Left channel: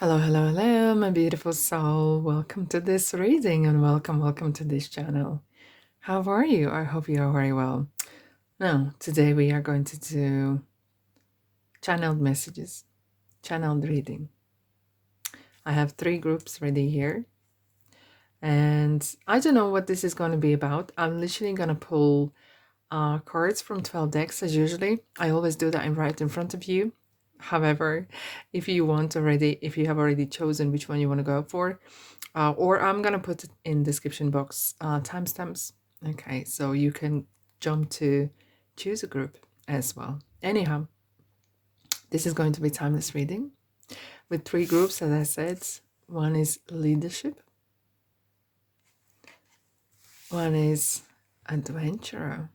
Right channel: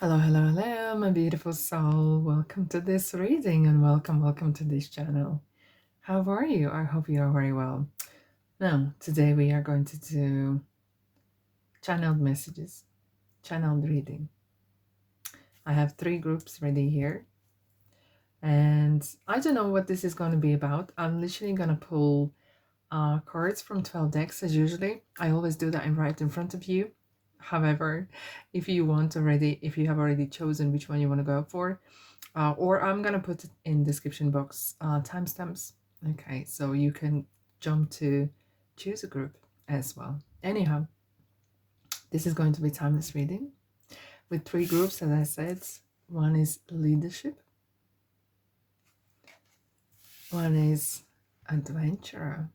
Hello, hello, hello, my beautiful soul. Welcome to this reading and welcome to this channel. How are you? I hope you are very well. Now, today we are going to do channeled messages, channeled reading. I have 3 groups ready here, and I don't know what this is going to be about. I'm literally going to pull cards from 12 decks as usually. I always do that right in front of you. However, if you have already chosen which one you want to go for, or I'm gonna put it in description box timestamps. Okay, so you can jump to choose a group as well. Anyhow, this is going to be timeless reading with 3 groups, as I said. One is leadership, one is adventurer,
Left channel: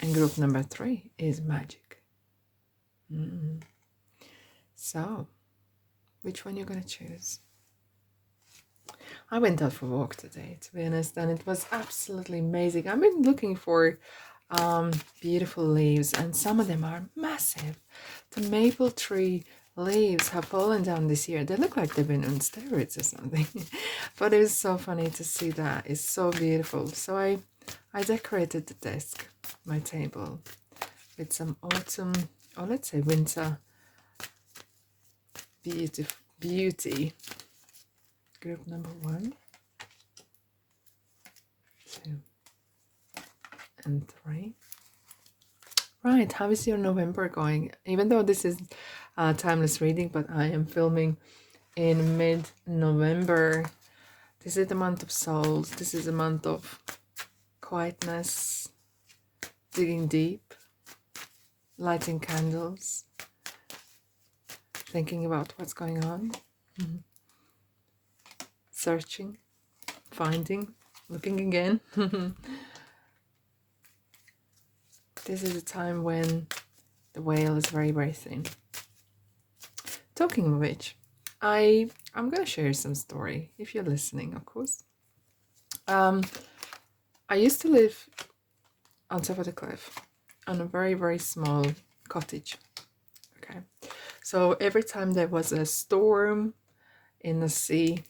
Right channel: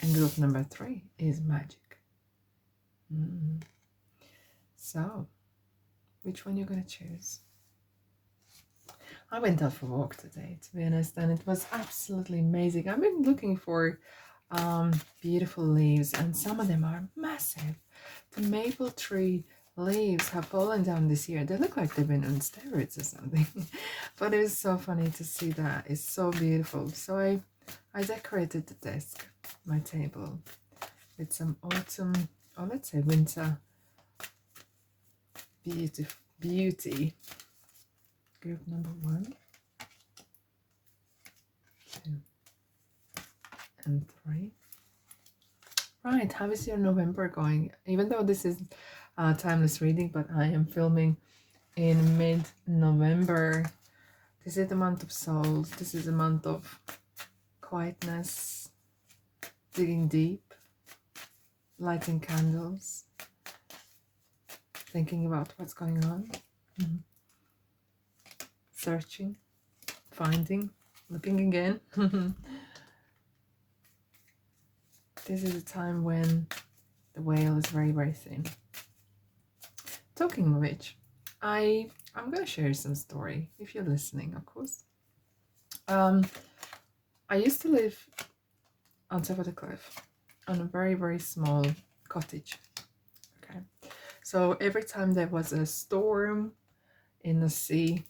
and group number 3 is magic. So, which one you're gonna choose? I went out for a walk today, to be honest, and it was absolutely amazing. I've been looking for beautiful leaves, and some of them are massive. The maple tree leaves have fallen down this year. They look like they've been on steroids or something. But it was so funny to see that. It's so beautiful. So I decorated the desk, my table, with some autumn, or let's say winter beauty. Group number 1, 2, and 3. Right, how is your November going? Even though this is timeless reading, but I am filming in mid-November. This is the month of souls. This is a month of quietness, digging deep, lighting candles, thinking about what's going on, searching, finding, looking again. This is a time when the veil is very, very thin. Talking of which, I'm going to share some story, if you're listening, of course. I used to live on top of the cliff on a very, very small cottage. Okay. So every time there was a storm in the sea,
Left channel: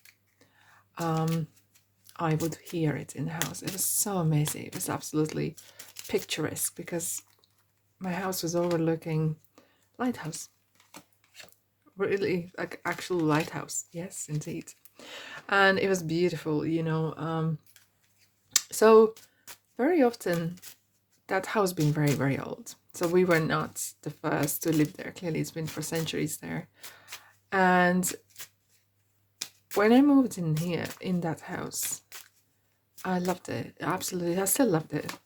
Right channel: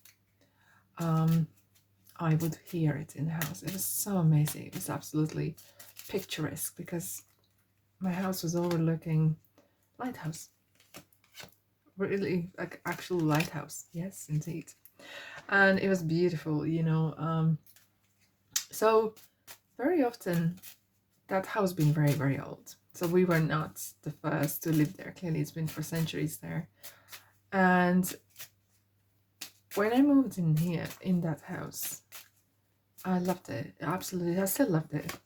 I would hear it in the house. It was so amazing. It was absolutely picturesque because my house was overlooking lighthouse. Really, like actual lighthouse. Yes, indeed. And it was beautiful, So very often that house been very, very old. So we were not the first to live there. Clearly, it's been for centuries there. And when I moved in here, in that house, I loved it. Absolutely. I still loved it.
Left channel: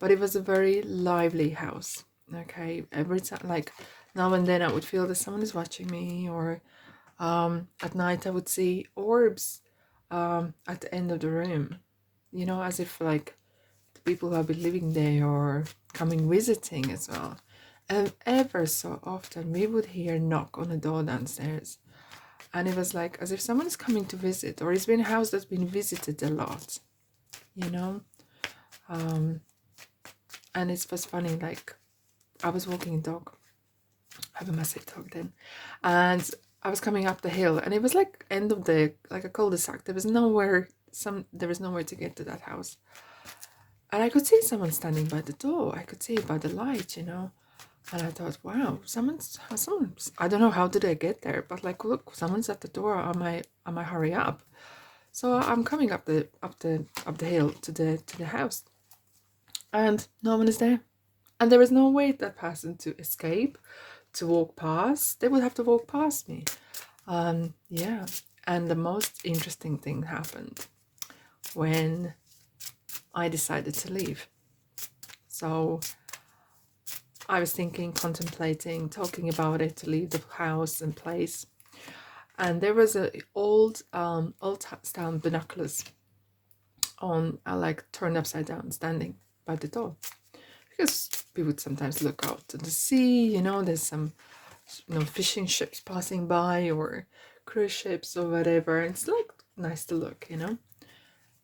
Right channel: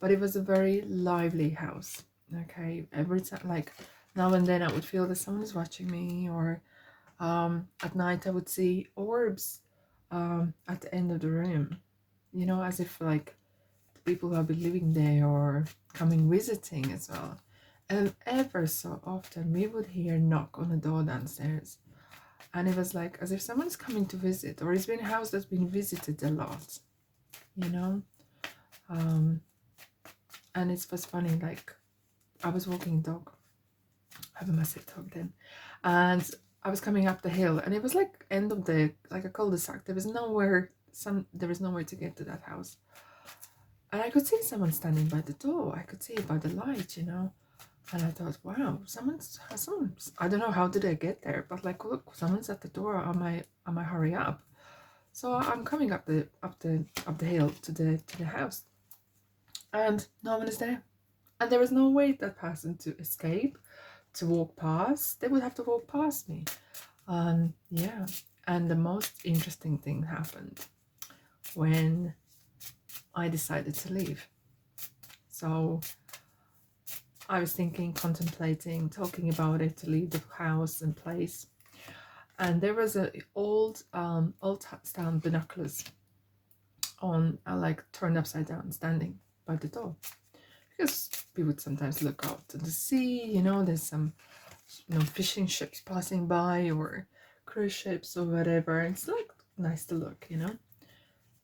But it was a very lively house. Okay. Every time, like now and then, I would feel that someone is watching me, or at night I would see orbs at the end of the room, as if like the people who have been living there or coming visiting as well. And ever so often we would hear knock on the door downstairs, and it was like as if someone's coming to visit, or it's been a house that's been visited a lot, you know. And it was funny, like I was walking a dog. I have a massive dog then, and I was coming up the hill, and it was like end of the, like a cul-de-sac. There was nowhere to get to that house, and I could see someone standing by the door. I could see it by the light, And I thought, wow, someone's. I don't know how did I get there, but like, look, someone's at the door. I might hurry up. So I'm coming up the hill to the house, and no one is there, and there is no way that person to escape, to walk past. They would have to walk past me. Yeah, and the most interesting thing happened when I decided to leave. So I was thinking, contemplating, talking about it, to leave the house and place. And there was a old town binoculars on, like turned upside down, standing by the door, because we would sometimes look out to the sea. There's some fishing ships passing by, or cruise ships or whatever. It's like nice to look.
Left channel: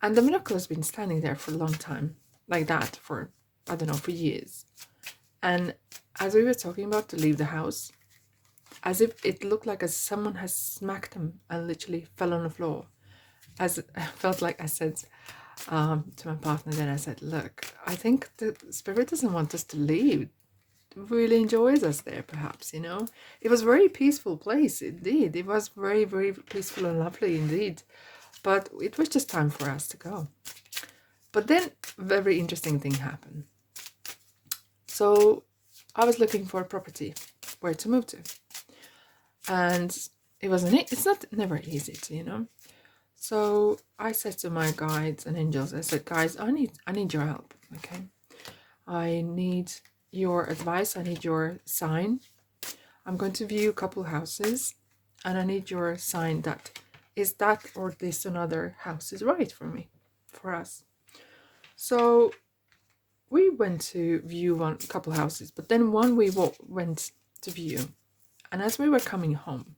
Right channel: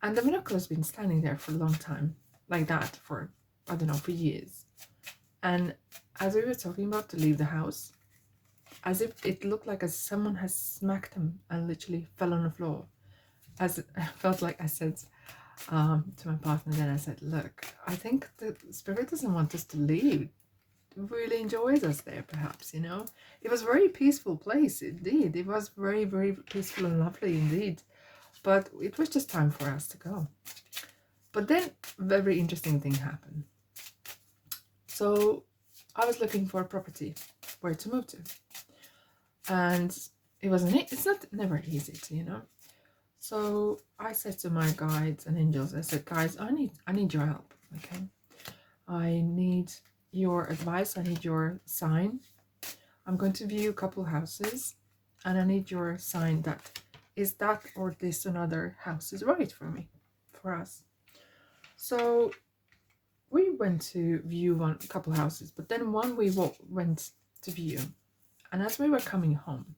And the binoculars been standing there for a long time, like that, for I don't know, for years. And as we were talking about to leave the house, as if it looked like as someone has smacked him and literally fell on the floor. As I felt like I said to my partner, then I said, look, I think the spirit doesn't want us to leave. It really enjoys us there, perhaps, you know. It was a very peaceful place, indeed. It was very, very peaceful and lovely indeed. But it was just time for us to go. But then a very interesting thing happened. So I was looking for a property where to move to. And it's not never easy to, you know. So I said to my guides and angels, I said, guys, I need your help, okay? I need your advice, I need your sign. I'm going to view a couple houses and I need your sign that is that or this another house is right for me, for us. So we went to view a couple houses, but then one we went to view, and as we were coming home,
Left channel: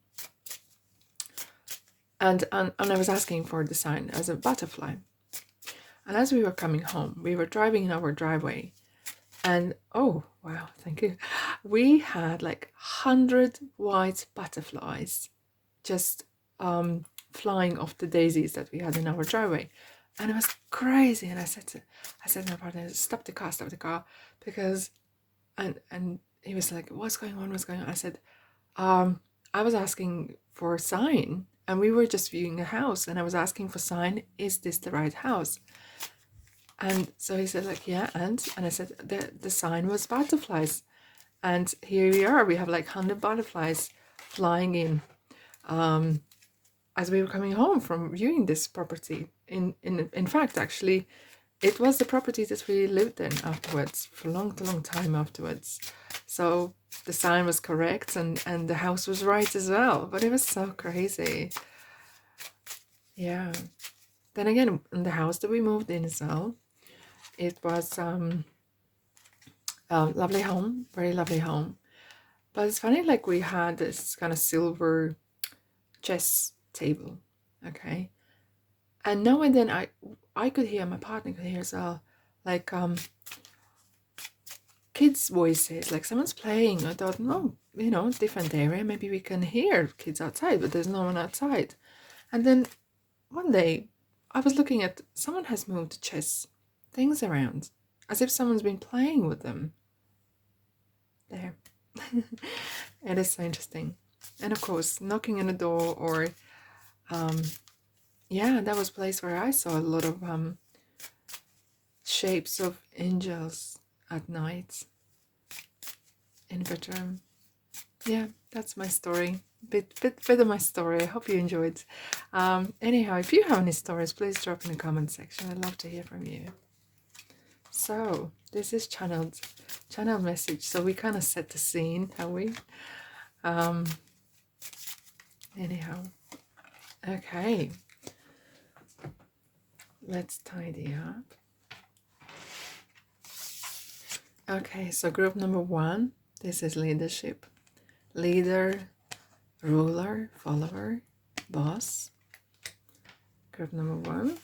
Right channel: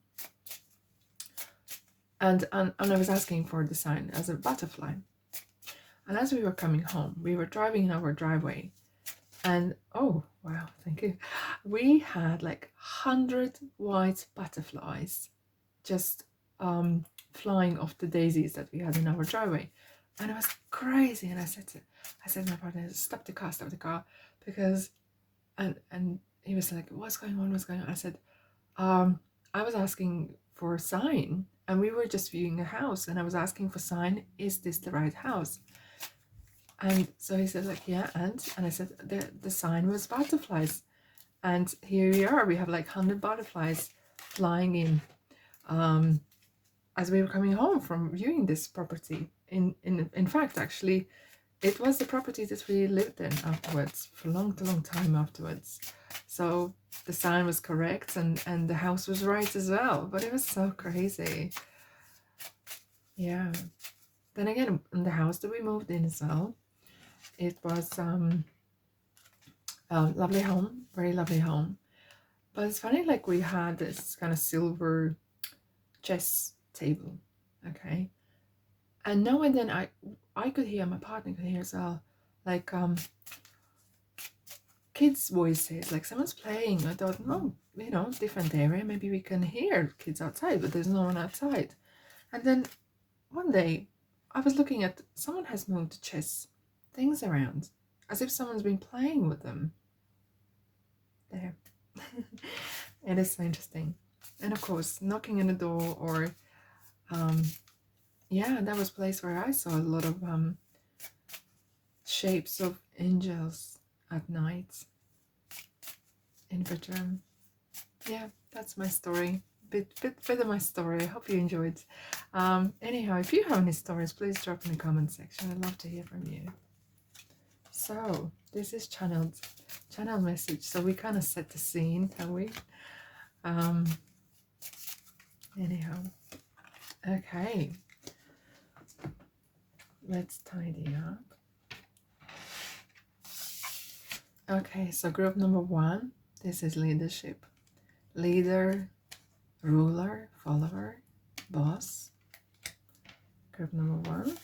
and I was asking for the sign as a butterfly, and as we were coming home, we were driving in our driveway, and oh wow, thank you, we had like 100 white butterflies just flying off the daisies that we had in our driveway. And it was crazy. And I said to my partner, stop the car, because and he was like, what's going on? I said, I was asking for a sign, and we were just viewing a house, and I was asking for sign, is this the right house? And so he said, like, yeah, and I said, the sign was butterflies. And here we are, we have like 100 butterflies flying in as we were coming home from viewing this property. In fact, actually, it was the property that we lived in afterwards for a long time afterwards. So the sign was correct, and the house was right as well. But it was so crazy. Yeah. Then again, in the house that we moved in as well, it was a lovely home, very lovely home. But it's funny, like we had this kind of silver chess table, okay, and now and then I could hear, my partner could hear as well, like kids' voices, like someone's playing. I thought, oh, you know, different area, maybe we can hear kids outside, but there's no one outside. And then one day I was looking at, someone has moved chess things around as if someone's been playing with them there. It is so interesting. And of course, knocking on the door, or yeah, that was a place where I saw a lot of shapes of angels at night in bedroom. Yeah, that's my story. Bit of my story. I hope you enjoyed. Anyhow, if you have any stories, please drop in the comment section. I'd love to hear from you. So this is channel message. So we kind of set the scene, have we? Anyhow, okay. Let's tidy up. Okay, so group number 1, this is leadership. Leader, ruler, follower, boss. Group number 1.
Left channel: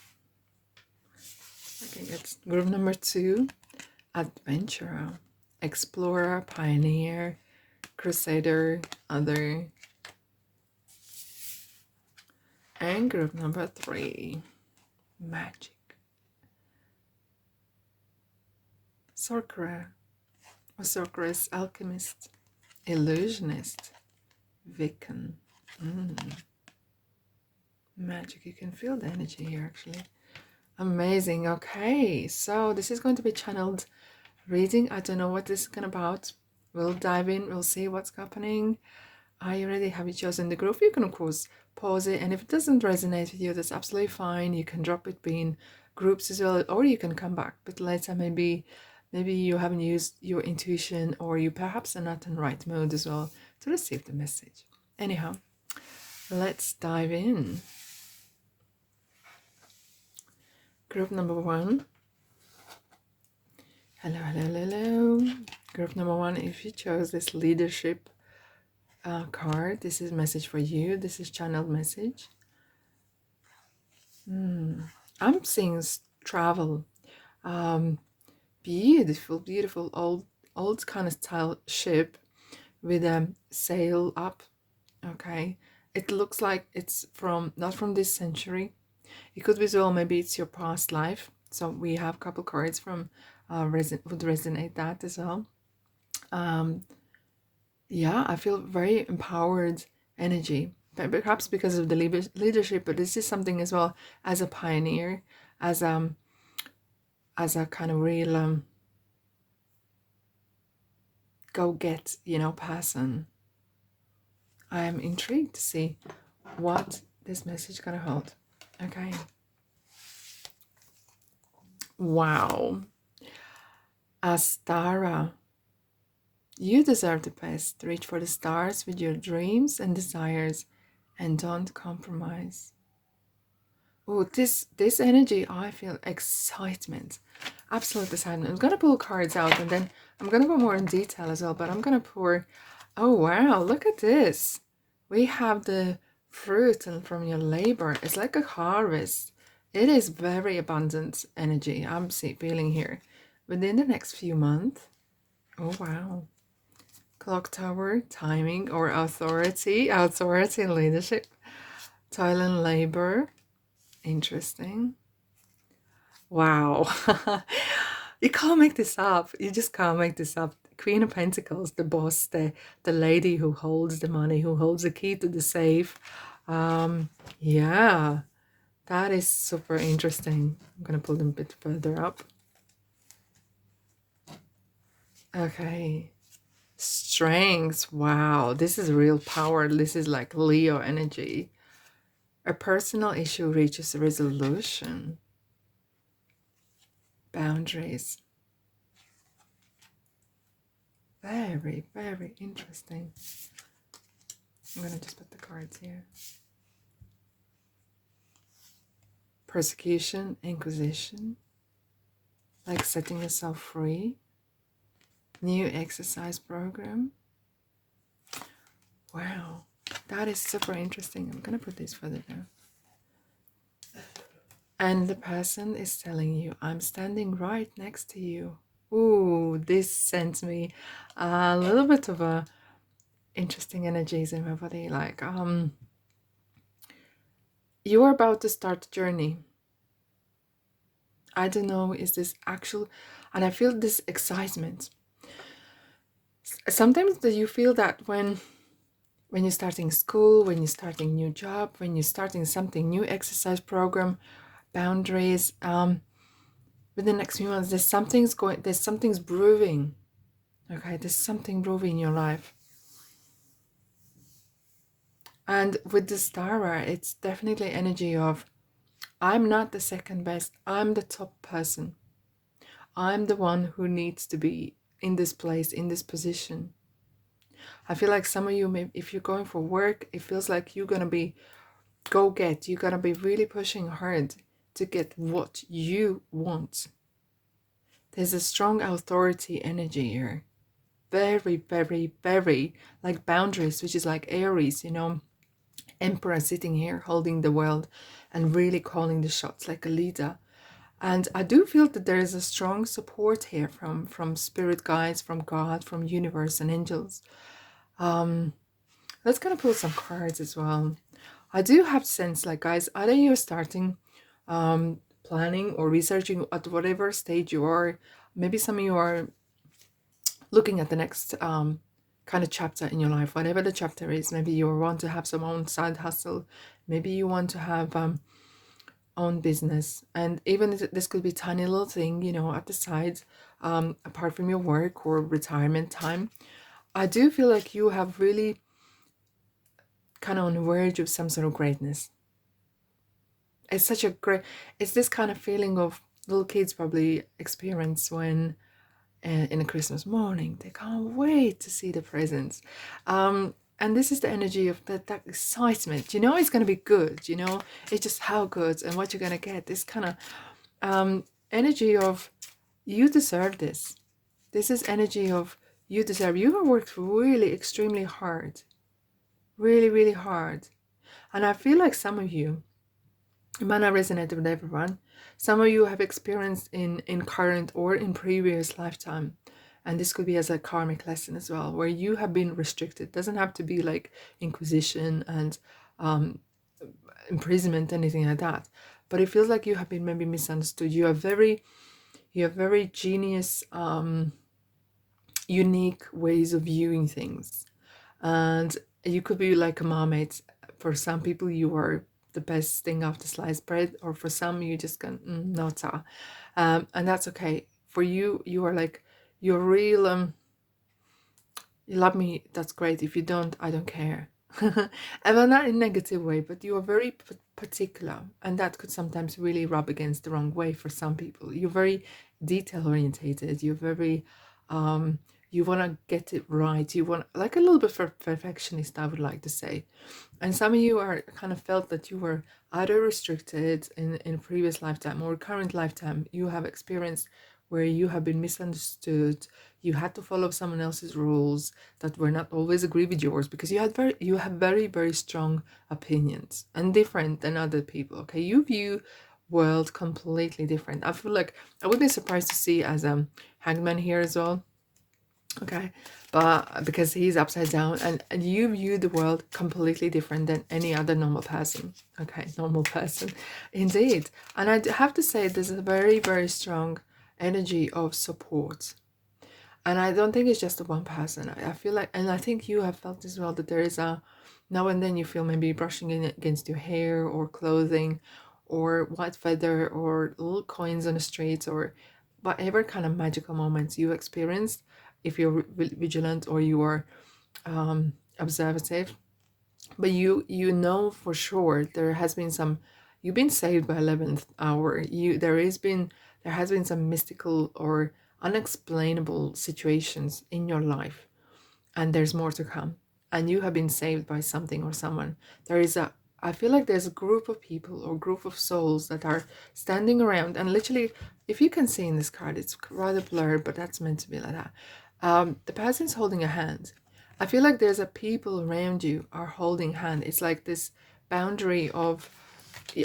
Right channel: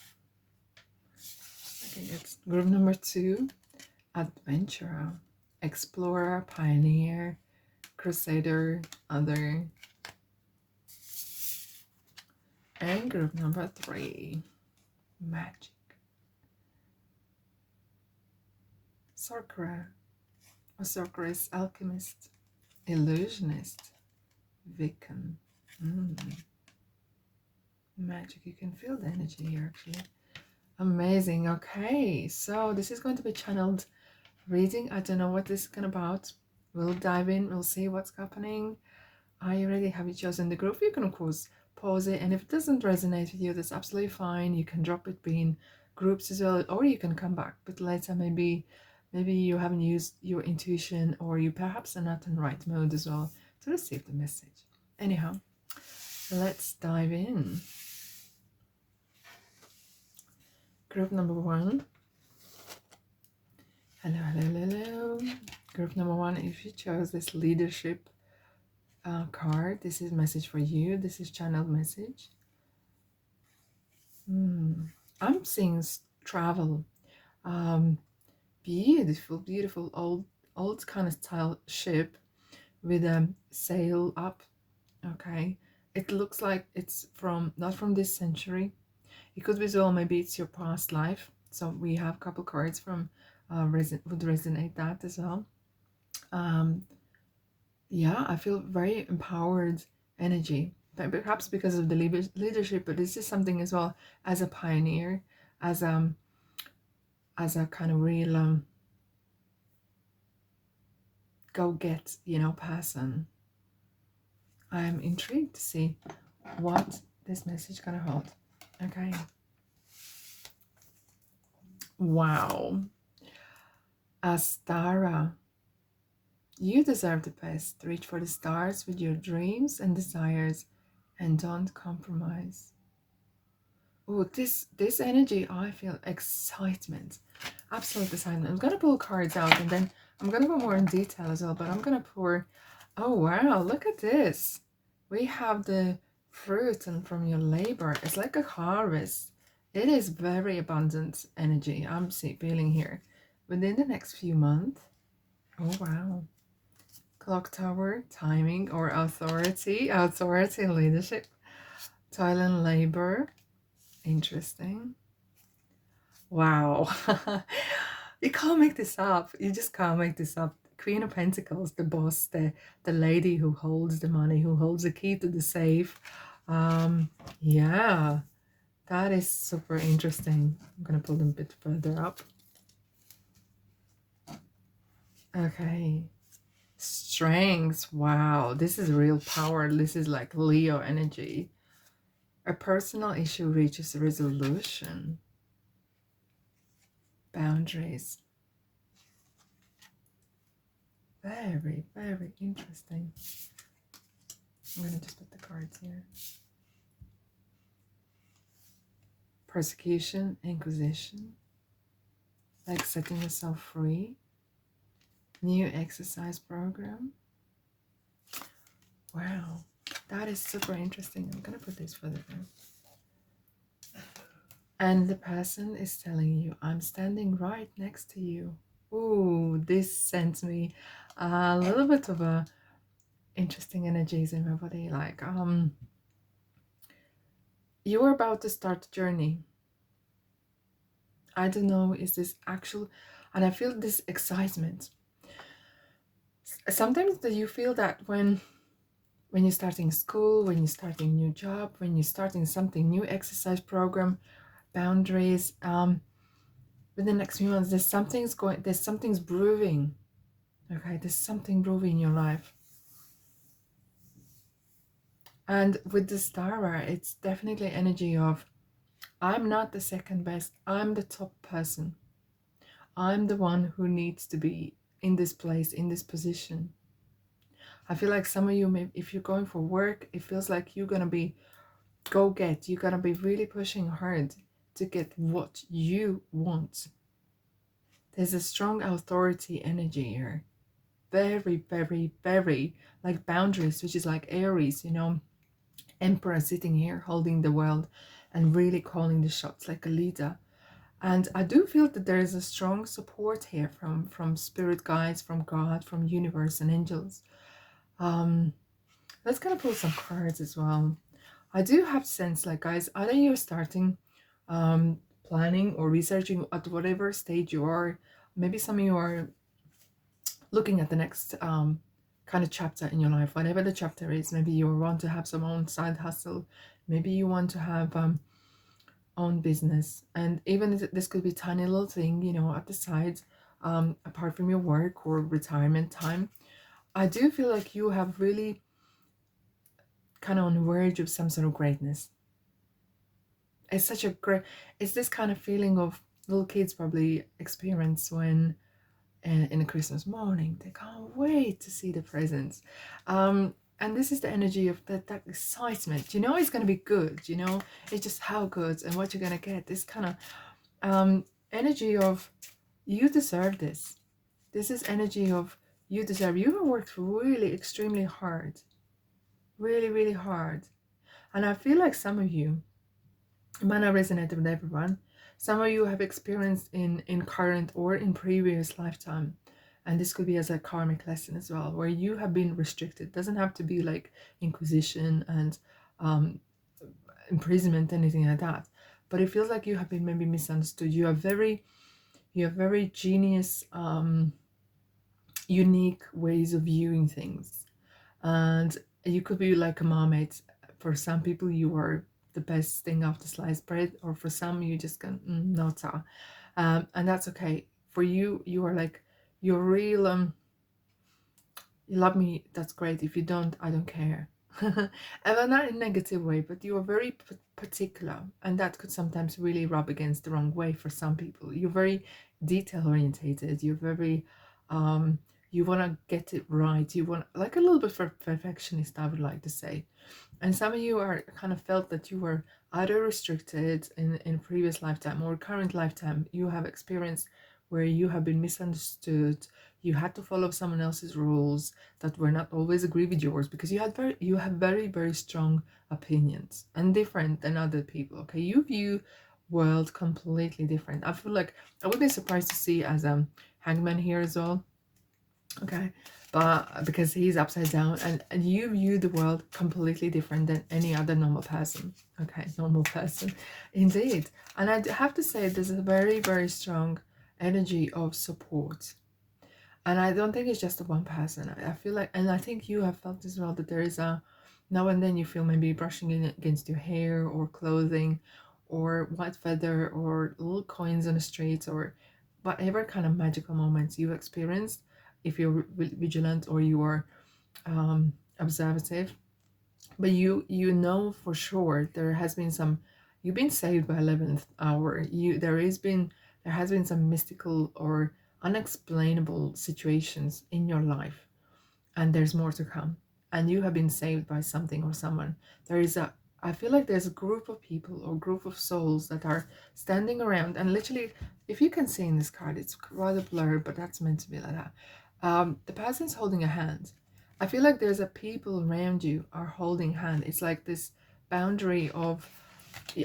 Okay, it's group number 2, adventurer, explorer, pioneer, crusader, other. And group number 3, magic. Sorcerer, or sorceress, alchemist, illusionist, Wiccan. Magic, you can feel the energy here actually. Amazing. Okay, so this is going to be channeled reading. I don't know what this is going about. We'll dive in, we'll see what's happening. I already have it chosen the group. You can of course pause it, and if it doesn't resonate with you, that's absolutely fine. You can drop it between groups as well, or you can come back but later. Maybe you haven't used your intuition, or you perhaps are not in right mode as well to receive the message. Anyhow, let's dive in. Group number 1. Hello. Group number 1, if you chose this leadership card, this is message for you. This is channeled message. I'm seeing travel. Beautiful old kind of style ship with a sail up. Okay, it looks like it's from not from this century. It could be as well, maybe it's your past life. So we have a couple cards from would resonate that as well. Um, yeah, I feel very empowered energy, perhaps because of the leadership, but this is something as well as a pioneer, as a kind of real go get, person. I am intrigued to see what this message gonna hold. Okay. Wow. Astara. You deserve the best. Reach for the stars with your dreams and desires and don't compromise. Oh, this energy, I feel excitement. Absolute excitement. I'm gonna pull cards out and then I'm gonna go more in detail as well, but I'm gonna pour. Oh wow, look at this. We have the fruit and from your labor. It's like a harvest. It is very abundant energy I'm feeling here. Within the next few months. Oh wow. Clock tower, timing or authority and leadership, toil and labor. Interesting. Wow. You can't make this up. You just can't make this up. Queen of Pentacles, the boss, the lady who holds the money, who holds the key to the safe. Yeah, that is super interesting. I'm gonna pull them a bit further up. Okay. Strength. Wow, this is real power. This is like Leo energy. A personal issue reaches a resolution. Boundaries. Very, very interesting. I'm going to just put the cards here. Persecution, inquisition. Like setting yourself free. New exercise program. Wow. That is super interesting. I'm going to put this further down. And the person is telling you, I'm standing right next to you. Ooh, this sends me a little bit of a interesting energies in my body. Like, you're about to start a journey. I don't know, is this actual, and I feel this excitement. Sometimes do you feel that when you're starting school, when you're starting new job, when you're starting something new, exercise program, boundaries, within the next few months, there's something's brewing. Okay, there's something brewing in your life. And with the Stara, it's definitely energy of, I'm not the second best, I'm the top person. I'm the one who needs to be in this place, in this position. I feel like some of you, if you're going for work, it feels like you're going to be you're going to be really pushing hard to get what you want. There's a strong authority energy here. Very, very, very like boundaries, which is like Aries, Emperor sitting here holding the world and really calling the shots like a leader. And I do feel that there is a strong support here from spirit guides, from God, from universe and angels. Let's kind of pull some cards as well. I do have sense, like, guys, either you're starting planning or researching at whatever stage you are. Maybe some of you are looking at the next kind of chapter in your life, whatever the chapter is. Maybe you want to have some own side hustle. Maybe you want to have own business, and even this could be tiny little thing, at the side, apart from your work or retirement time. I do feel like you have really kind of on the verge of some sort of greatness. It's such a great, it's this kind of feeling of little kids probably experience when in a Christmas morning they can't wait to see the presents. And this is the energy of that excitement. It's going to be good. It's just how good and what you're going to get. This kind of energy of you deserve this. This is energy of you deserve. You have worked really extremely hard. Really, really hard. And I feel like some of you, it might not resonate with everyone. Some of you have experienced in current or in previous lifetime And this could be as a karmic lesson as well, where you have been restricted. It doesn't have to be like inquisition and um, imprisonment, anything like that. But it feels like you have been maybe misunderstood. You have very genius, unique ways of viewing things. And you could be like a mermaid. For some people, you are the best thing after sliced bread, or for some, you just can, no, ta. And that's okay. For you, you are like, you're real, you love me, that's great. If you don't, I don't care. And well, not in a negative way, but you are very particular, and that could sometimes really rub against the wrong way for some people. You're very detail orientated. You're very, you want to get it right. You want, like, a little bit perfectionist, I would like to say. And some of you are kind of felt that you were either restricted in a previous lifetime or current lifetime. You have experienced where you have been misunderstood. You had to follow someone else's rules that were not always agree with yours, because you have very strong opinions and different than other people. Okay, you view world completely different. I feel like I would be surprised to see as Hangman here as well. Okay, but because he's upside down, and you view the world completely different than any other normal person. Okay, normal person, indeed. And I have to say, there's a very strong energy of support. And I don't think it's just the one person. I feel like, and I think you have felt as well, that there is a, now and then you feel maybe brushing in against your hair or clothing or white feather or little coins on the streets, or whatever kind of magical moments you experienced. If you're vigilant or you are observative, but you know for sure there has been some, you've been saved by 11th hour. There has been some mystical or unexplainable situations in your life, and there's more to come, and you have been saved by something or someone. There is a, I feel like there's a group of people or group of souls that are standing around, and literally, if you can see in this card, it's rather blurred, but that's meant to be like that. The person's holding a hand. I feel like there's a people around you are holding hand. It's like this boundary of,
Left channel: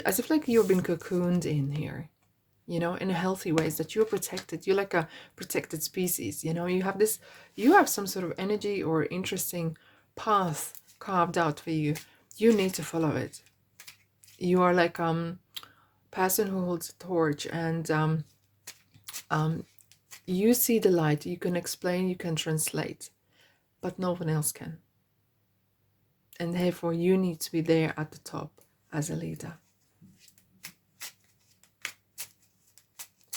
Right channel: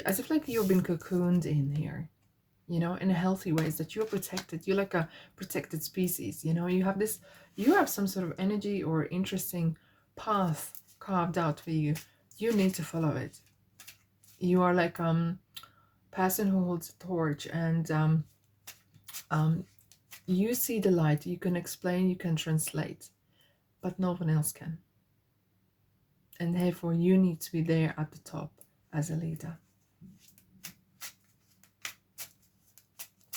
as if like you've been cocooned in here, you know, in a healthy ways, that you're protected. You're like a protected species, you know. You have this, you have some sort of energy or interesting path carved out for you. You need to follow it. You are like person who holds a torch, and you see the light. You can explain, you can translate, but no one else can. And therefore you need to be there at the top as a leader.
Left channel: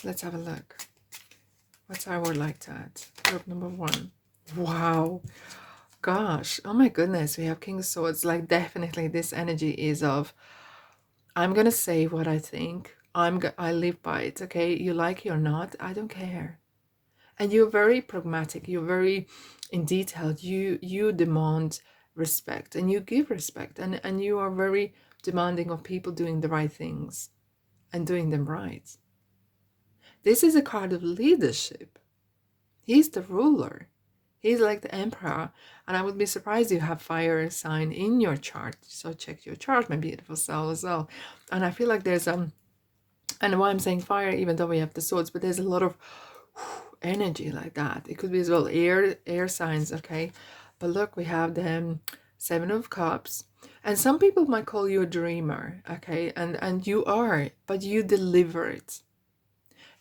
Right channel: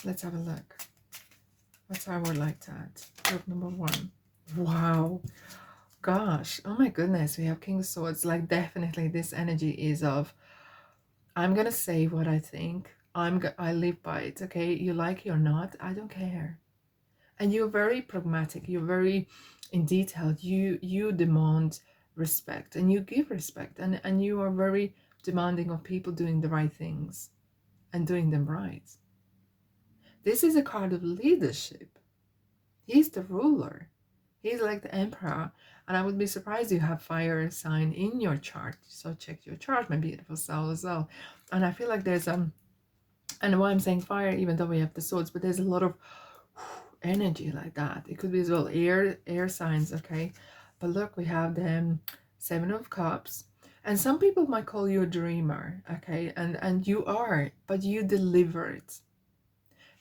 Let's have a look. What's our word like that? Group number 1. Wow. Gosh. Oh my goodness. We have King of Swords. Like, definitely this energy is of, I'm going to say what I think. I live by it. Okay. You like it or not, I don't care. And you're very pragmatic. You're very in detail. You demand respect, and you give respect. And you are very demanding of people doing the right things and doing them right. This is a card of leadership. He's the ruler. He's like the emperor. And I would be surprised you have fire sign in your chart. So check your chart, my beautiful soul, as well. And I feel like there's and why I'm saying fire, even though we have the swords, but there's a lot of energy like that. It could be as well air signs, okay? But look, we have the 7 of Cups. And some people might call you a dreamer, okay? And you are, but you deliver it.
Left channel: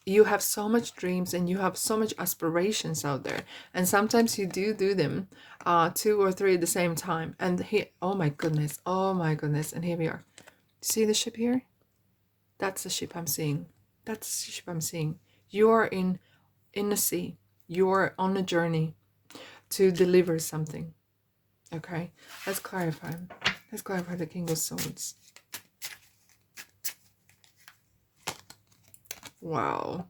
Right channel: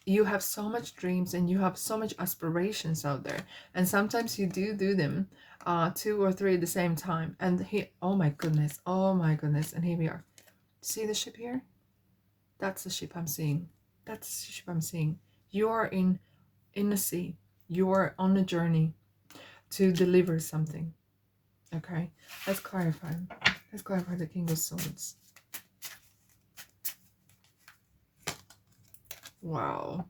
You have so much dreams and you have so much aspirations out there, and sometimes you do them 2 or 3 at the same time. And he, oh my goodness, and here we are. See the ship here? That's the ship I'm seeing. That's the ship I'm seeing. You are in the sea. You are on a journey to deliver something. Okay, let's clarify the King of Swords. Wow.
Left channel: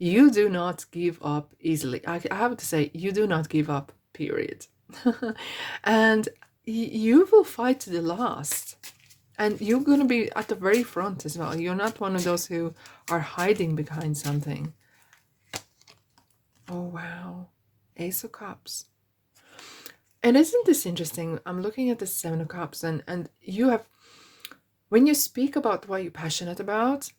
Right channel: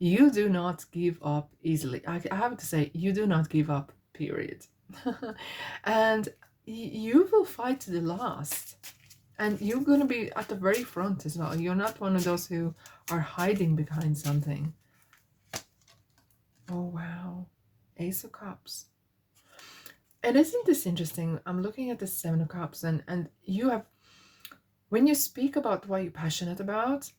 You do not give up easily. I have to say, you do not give up, period. And you will fight to the last. And you're going to be at the very front as well. You're not one of those who are hiding behind something. Oh, wow. Ace of Cups. And isn't this interesting? I'm looking at the 7 of Cups, and you have, when you speak about what you're passionate about,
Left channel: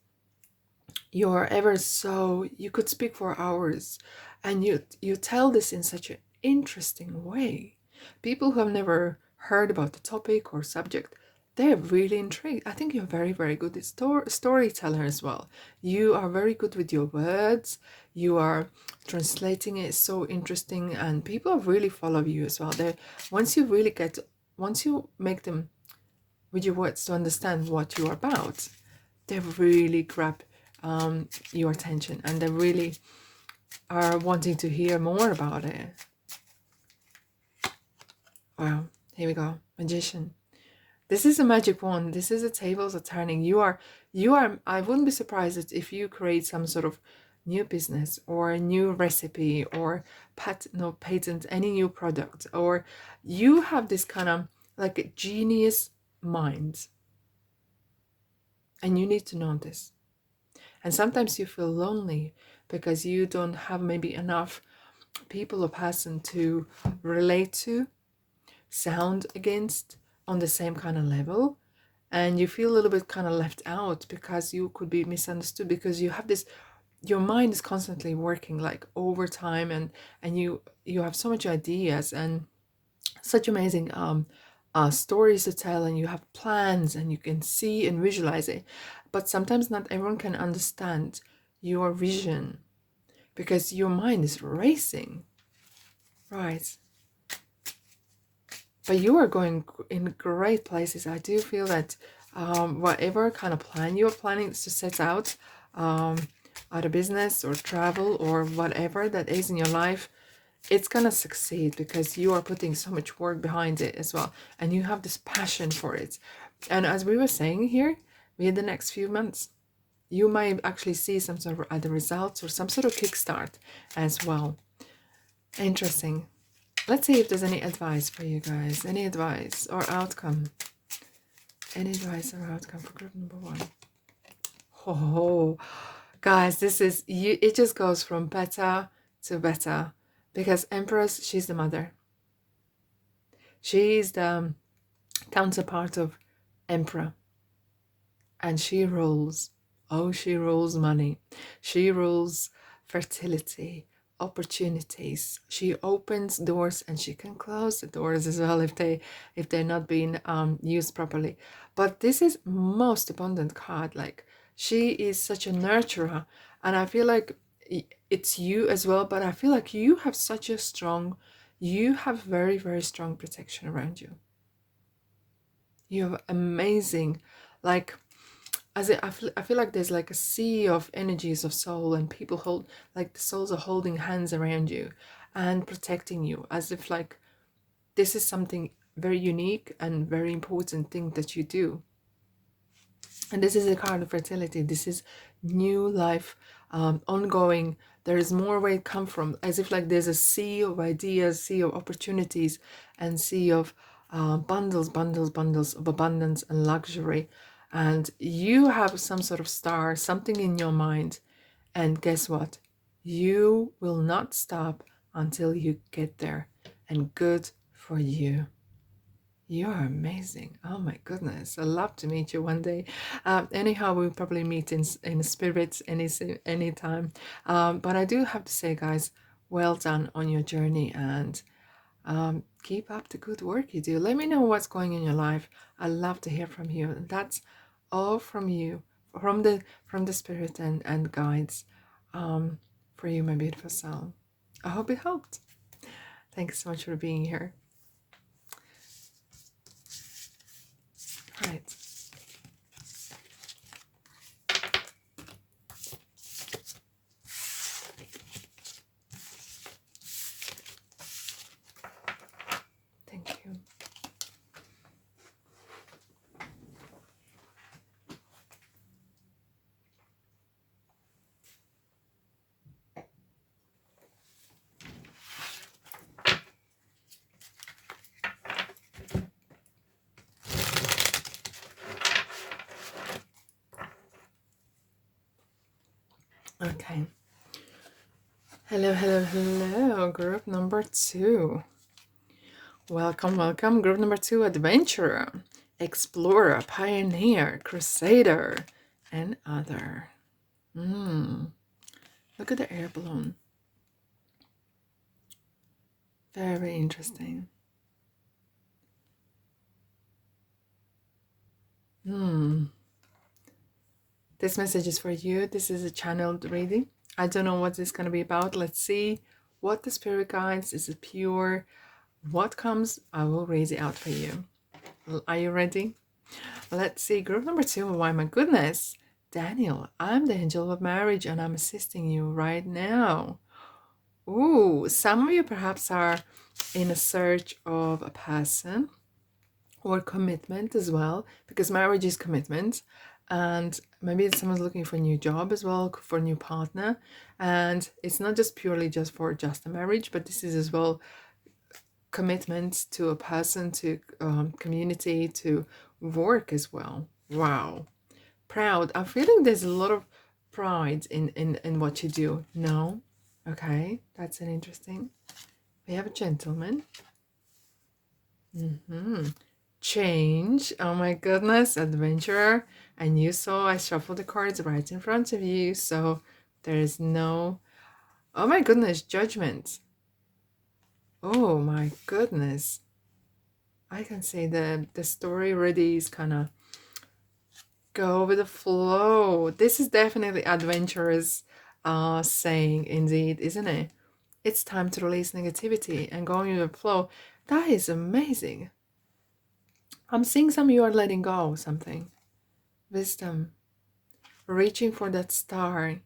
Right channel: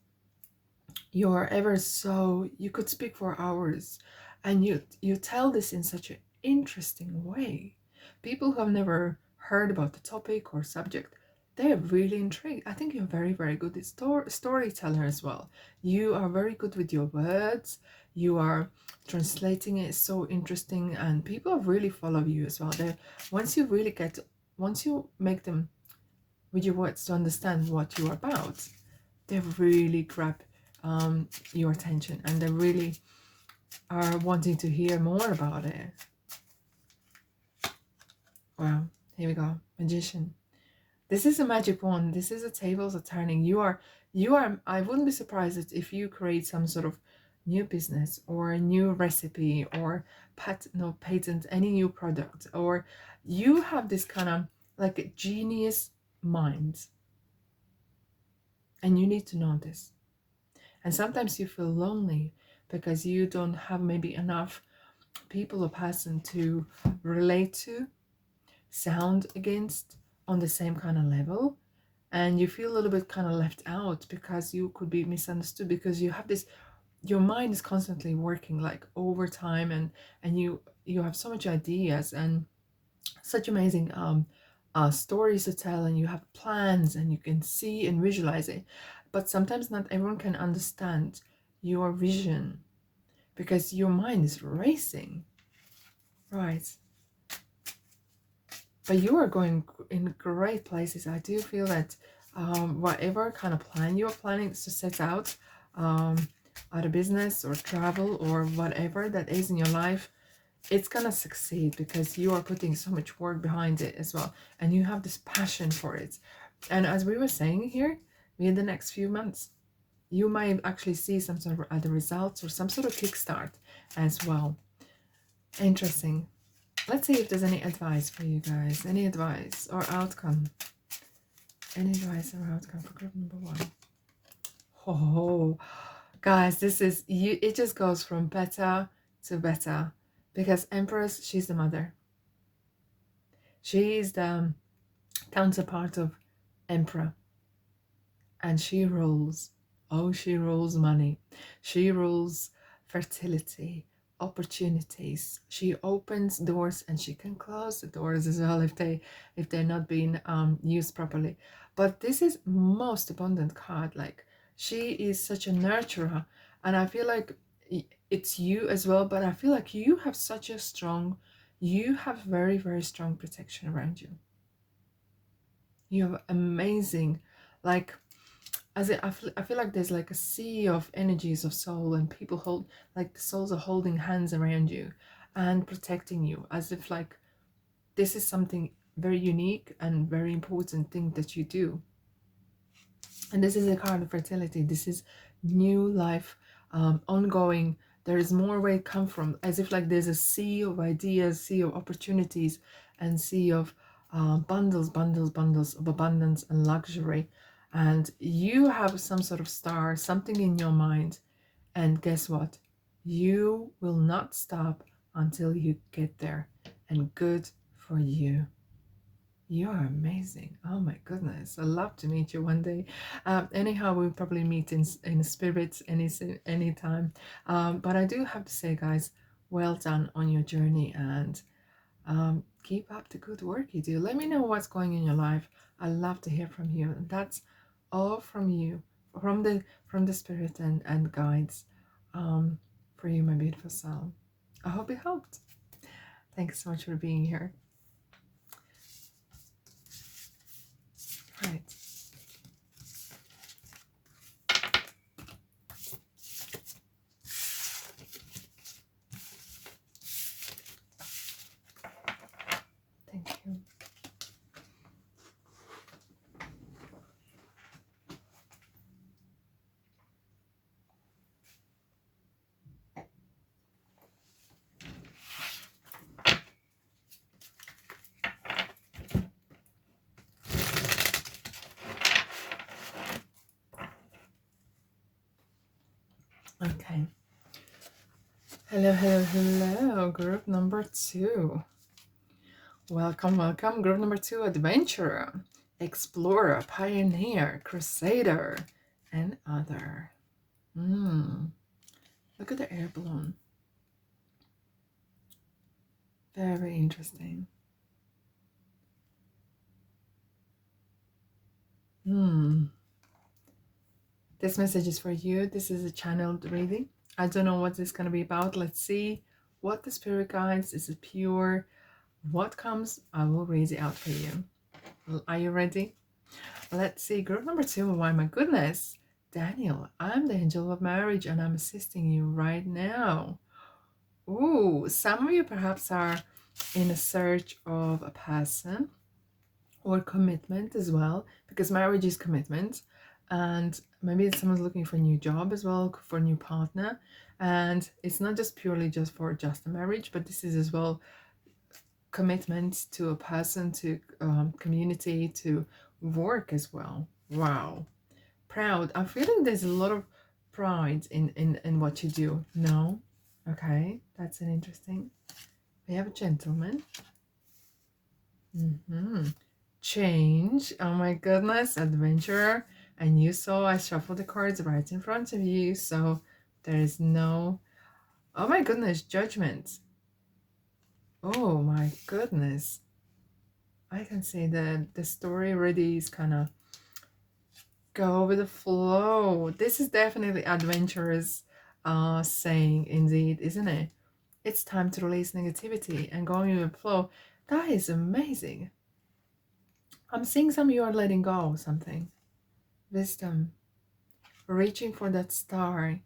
you're ever so, you could speak for hours, And you tell this in such an interesting way. People who have never heard about the topic or subject, they're really intrigued. I think you're very, very good at storyteller as well. You are very good with your words. You are translating it so interesting, and people really follow you as well. They once you make them with your words to understand what you're about, they really grab your attention, and they really are wanting to hear more about it. Wow, here we go. Magician. This is a magic wand. This is a tables are turning. I wouldn't be surprised if you create some sort of new business or a new recipe or patent, any new product, or you have this kind of like a genius mind, and you need to know this. And sometimes you feel lonely because you don't have maybe enough people or person to relate to, sound against on the same kind of level, and you feel a little bit kind of left out because you could be misunderstood, because you have this, your mind is constantly working like overtime, and you have so much ideas and such amazing stories to tell, and you have plans and you can see and visualize it, but sometimes not everyone can understand your vision because your mind is racing, right? But you are going in great places. I do feel that whatever kind of plan you are planning to set out, out of business or travel or whatever that is in your life, it's gonna succeed because you are putting so much work behind it as well, and you have this passion for it. And as we were saying here, in the next few months, you might actually see some sort of other results or some sort of kickstart as well. Interesting. Let's see if there's any advice for you guys. Any advice or outcome? Any advice or outcome for group number one? Oh, guys, this is you. It just goes from better to better because Empress, she's the mother. She's the counterpart of Emperor, and she rules. Oh, she rules money. She rules fertility, opportunities. She opens doors, and she can close the doors as well if they're not being used properly. But this is most abundant card. Like, she is such a nurturer, and I feel like it's you as well. But I feel like you have such a strong, you have very, very strong protection around you. You have amazing, like, I feel like there's like a sea of energies of soul, and people hold, like the souls are holding hands around you and protecting you, as if like this is something very unique and very important thing that you do. And this is a card of fertility. This is new life, ongoing. There is more where it come from, as if like there's a sea of ideas, sea of opportunities, and sea of bundles of abundance and luxury. And you have some sort of star, something in your mind, and guess what? You will not stop until you get there. And good for you. You are amazing. Oh my goodness. I'd love to meet you one day. Anyhow, we'll probably meet in spirit any time. But I do have to say, guys, well done on your journey, and keep up the good work you do. Let me know what's going on in your life. I love to hear from you. And that's all from you, from the spirit and guides, for you, my beautiful soul. I hope it helped. Thanks so much for being here. Right. Thank you. Okay. Hello, group number 2. Welcome, group number 2, adventurer, explorer, pioneer, crusader, and other. Look at the air balloon. Very interesting. Hmm. This message is for you. This is a channeled reading. I don't know what this is going to be about. Let's see what the spirit guides. Is it pure? What comes, I will read it out for you. Are you ready? Let's see. Group number 2. Why, my goodness. Daniel, I'm the angel of marriage and I'm assisting you right now. Ooh, some of you perhaps are in a search of a person or commitment as well, because marriage is commitment. And maybe someone's looking for a new job as well, for a new partner. And it's not just purely just for just a marriage, but this is as well commitment to a person, to community, to work as well. Wow. Proud. I'm feeling there's a lot of pride in what you do. No? Okay, that's an interesting. We have a gentleman. Change. Oh my goodness, adventurer. And you saw I shuffled the cards right in front of you, so there is no. Oh my goodness, judgment. Oh my goodness. I can see the story already is kind of go with the flow. This is definitely adventurous saying indeed, isn't it? It's time to release negativity and going with the flow. That is amazing. I'm seeing some of you are letting go of something. Wisdom. Reaching for that star.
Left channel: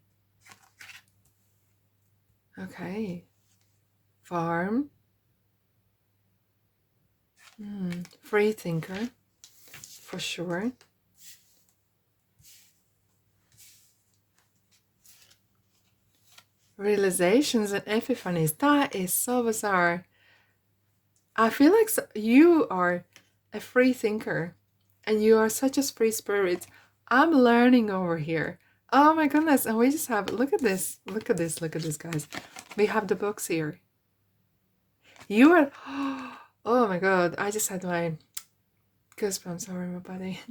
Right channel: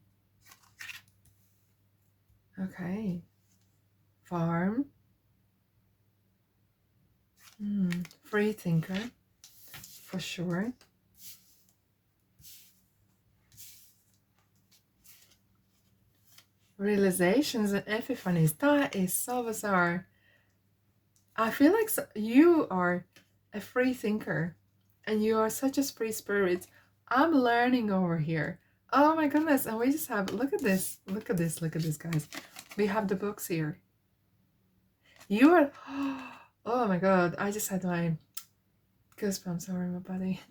Okay. Farm. Free thinker. For sure. Realizations and epiphanies. That is so bizarre. I feel like you are a free thinker and you are such a free spirit. I'm learning over here. Oh my goodness. And we just have, look at this. Look at this. Look at this, guys. We have the books here. You are, oh my God. I just had my goosebumps. Sorry, my body.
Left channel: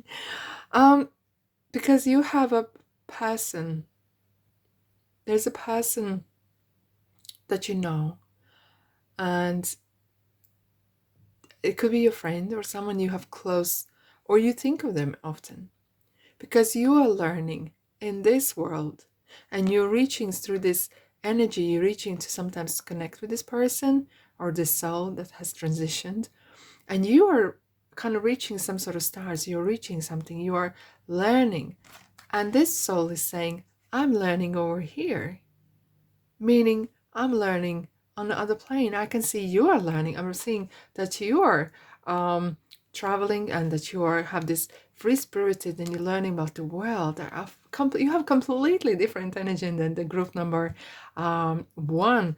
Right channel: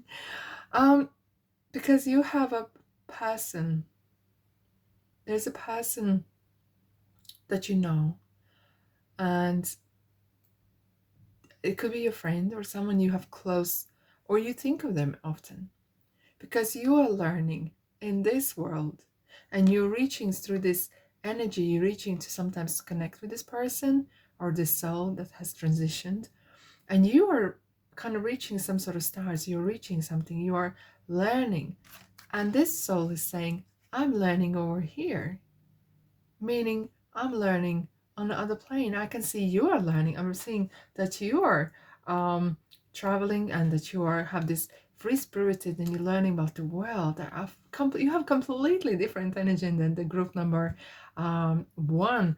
Because you have a person. There's a person that you know. And it could be a friend or someone you have close, or you think of them often. Because you are learning in this world and you're reaching through this energy, you're reaching to sometimes connect with this person or this soul that has transitioned, and you are kind of reaching some sort of stars, you're reaching something, you are learning, and this soul is saying, I'm learning over here, meaning I'm learning on the other plane. I can see you are learning. I'm seeing that you are traveling and that you are have this free spirited and you're learning about the world. You have completely different energy than the group number 1.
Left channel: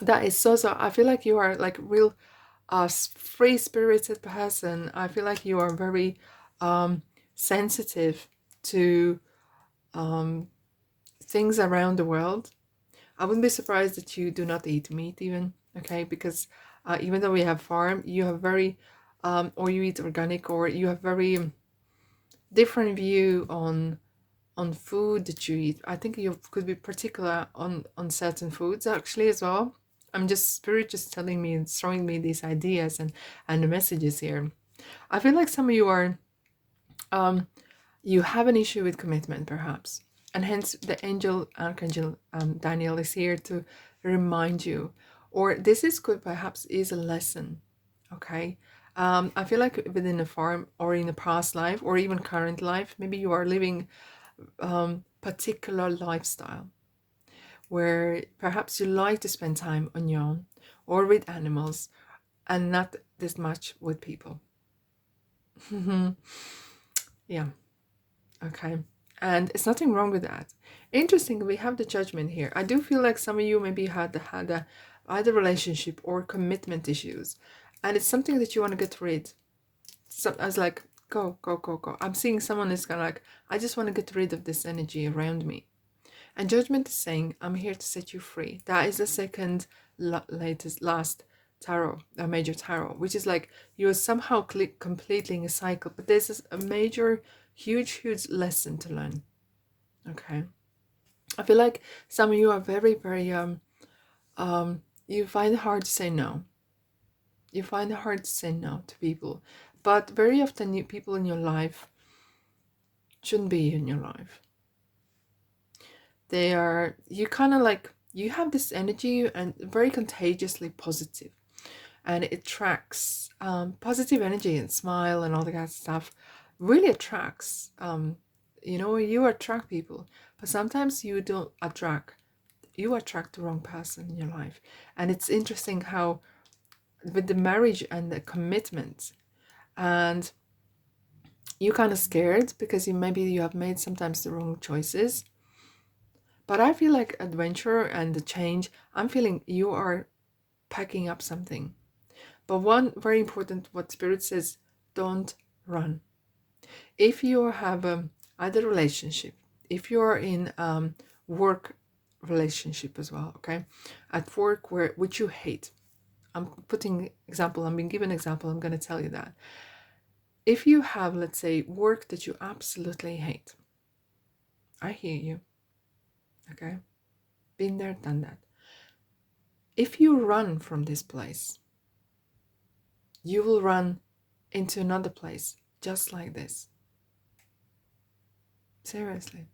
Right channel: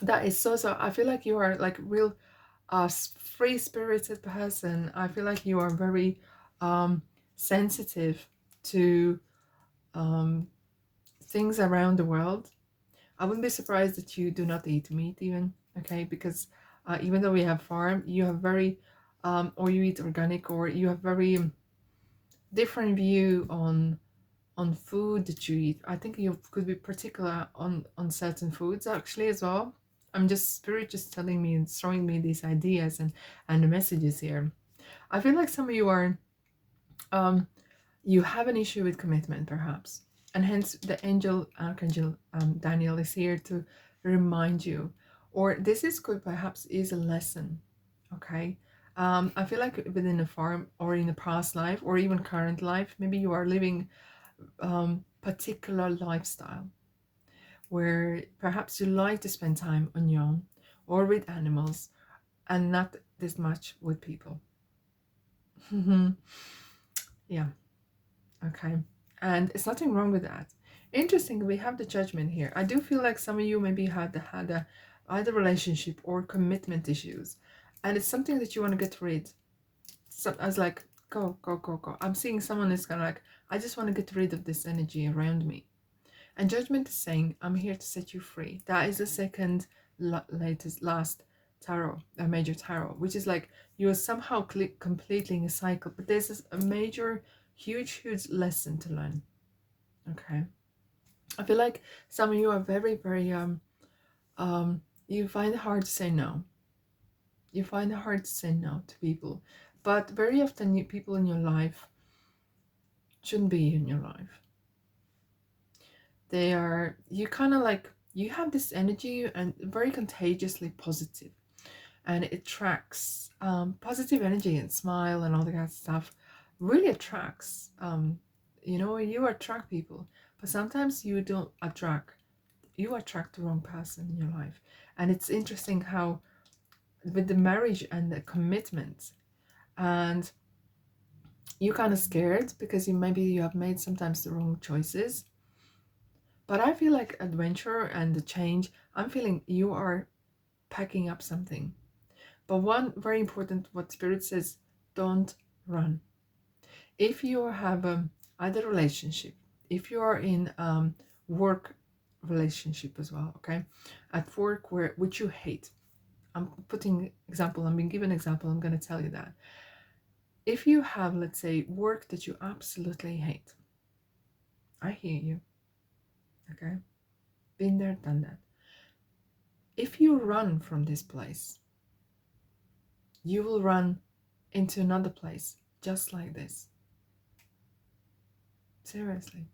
That is so. I feel like you are like real free spirited person. I feel like you are very sensitive to things around the world. I wouldn't be surprised that you do not eat meat even, okay? Because even though we have farm, you have very, or you eat organic, or you have very different view on food that you eat. I think you could be particular on certain foods actually as well. I'm just spirit just telling me and showing me these ideas and the messages here. I feel like some of you are you have an issue with commitment perhaps, and hence the archangel Daniel is here to remind you, or this is could perhaps is a lesson. Okay, I feel like within a farm or in a past life or even current life, maybe you are living particular lifestyle where perhaps you like to spend time on your own or with animals and not this much with people. Yeah. Okay. And it's nothing wrong with that. Interesting, we have the judgment here. I do feel like some of you maybe had a either relationship or commitment issues. And it's something that you want to get rid. So I was like, go, go, go, go. I'm seeing someone is kind of like, I just want to get rid of this energy around me. And judgment is saying, I'm here to set you free. That is the second last tarot, a major tarot, which is like you are somehow completing a cycle. But there's a major, huge lesson to learn. Okay. I feel like some of you are very, very You find it hard to say no. You find it hard to say no to people. But very often, people in your life shouldn't be in your life. They are, you kind of like, you have this energy and very contagiously positive, and it attracts positive energy and smile and all that kind of stuff. Really attracts, you attract people, but sometimes you don't attract, you attract the wrong person in your life. And it's interesting how with the marriage and the commitment, and you're kind of scared because you have made sometimes the wrong choices. But I feel like adventure and the change, I'm feeling you are packing up something. But one very important, what Spirit says, don't run. If you have either relationship, if you are in work relationship as well, okay, at work which you hate, I'm putting example, I'm being given example, I'm going to tell you that. If you have, let's say, work that you absolutely hate, I hear you, okay, been there, done that. If you run from this place, you will run into another place just like this. Seriously.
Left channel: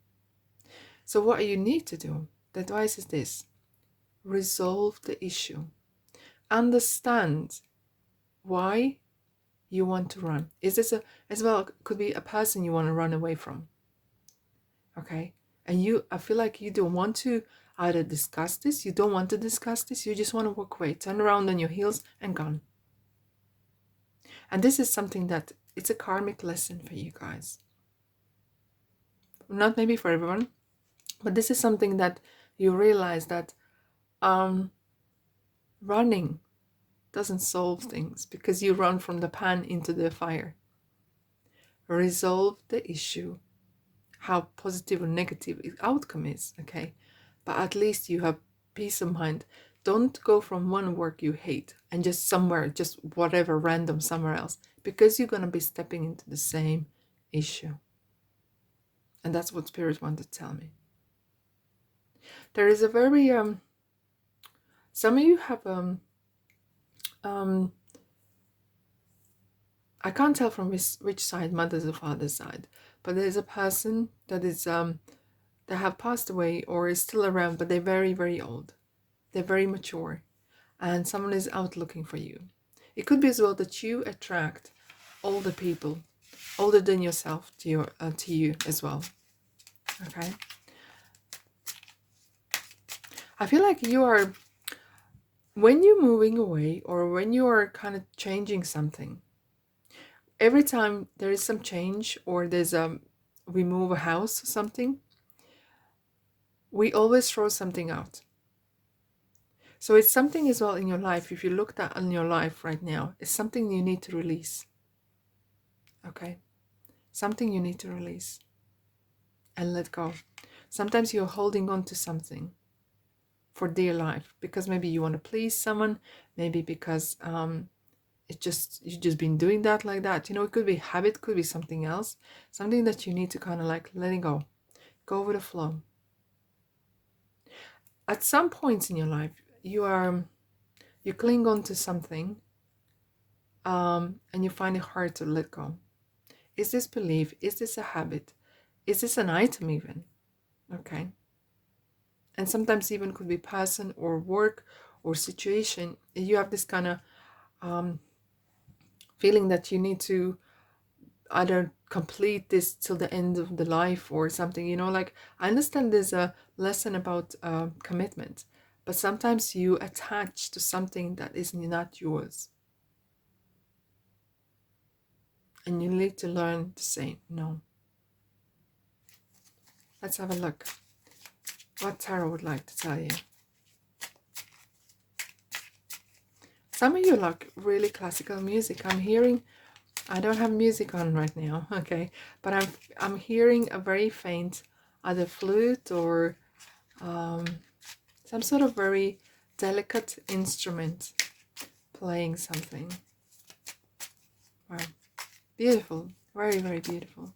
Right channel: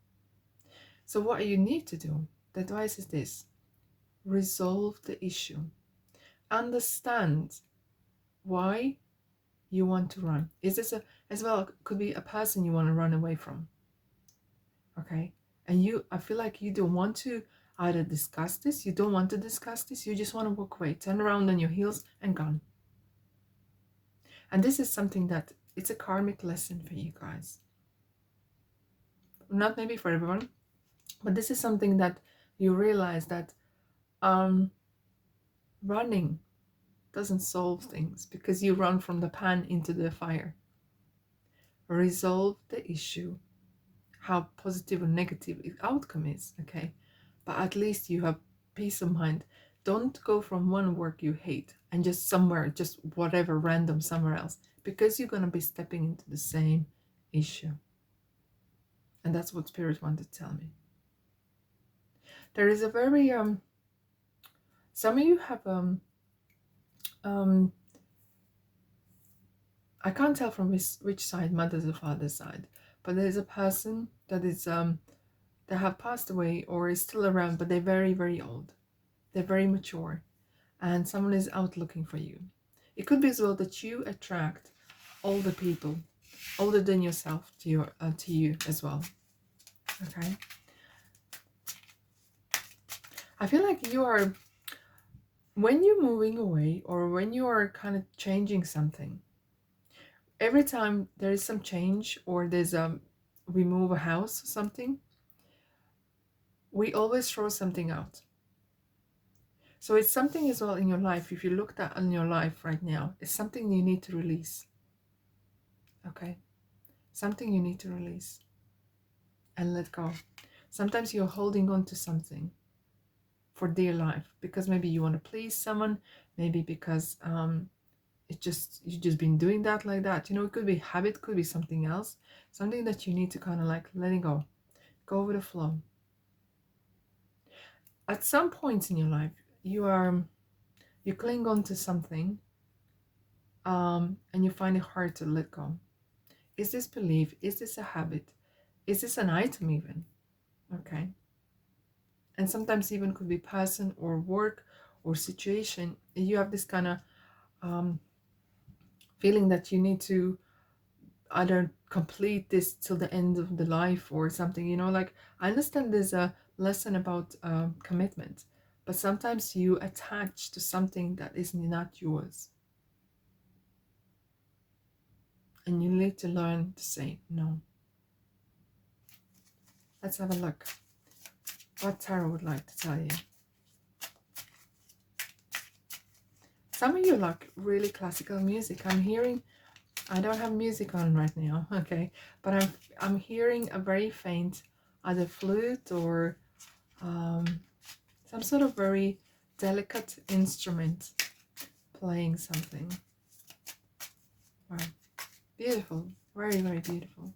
So what you need to do, the advice is this: resolve the issue. Understand why you want to run. Is this as well, could be a person you want to run away from. Okay? And I feel like you don't want to either discuss this, you don't want to discuss this, you just want to walk away, turn around on your heels and gone. And this is something that it's a karmic lesson for you guys. Not maybe for everyone, but this is something that you realize that running doesn't solve things because you run from the pan into the fire. Resolve the issue, how positive or negative the outcome is, okay? But at least you have peace of mind. Don't go from one work you hate and just somewhere, just whatever, random somewhere else, because you're going to be stepping into the same issue. And that's what Spirit wanted to tell me. There is a very, some of you have, I can't tell from which side, mother's or father's side, but there's a person that is, that have passed away or is still around, but they're very, very old. They're very mature, and someone is out looking for you. It could be as well that you attract older people, older than yourself, to you as well. Okay. I feel like you are, when you're moving away or when you are kind of changing something, every time there is some change or there's we move a house or something, we always throw something out. So it's something as well in your life. If you look at in your life right now, it's something you need to release. Okay? Something you need to release and let go. Sometimes you're holding on to something for dear life because maybe you want to please someone, maybe because you've just been doing that like that. It could be habit, could be something else, something that you need to kind of like letting go with the flow. At some points in your life, you cling on to something, and you find it hard to let go. Is this belief? Is this a habit? Is this an item even? Okay. And sometimes even could be person or work or situation. You have this kind of feeling that you need to either complete this till the end of the life or something. Like, I understand there's a lesson about commitment, but sometimes you attach to something that is not yours. And you need to learn to say no. Let's have a look what Tarot would like to tell you. Some of you like really classical music. I'm hearing, I don't have music on right now, okay, but I'm hearing a very faint either flute or some sort of very delicate instrument playing something. Wow, beautiful, very, very beautiful.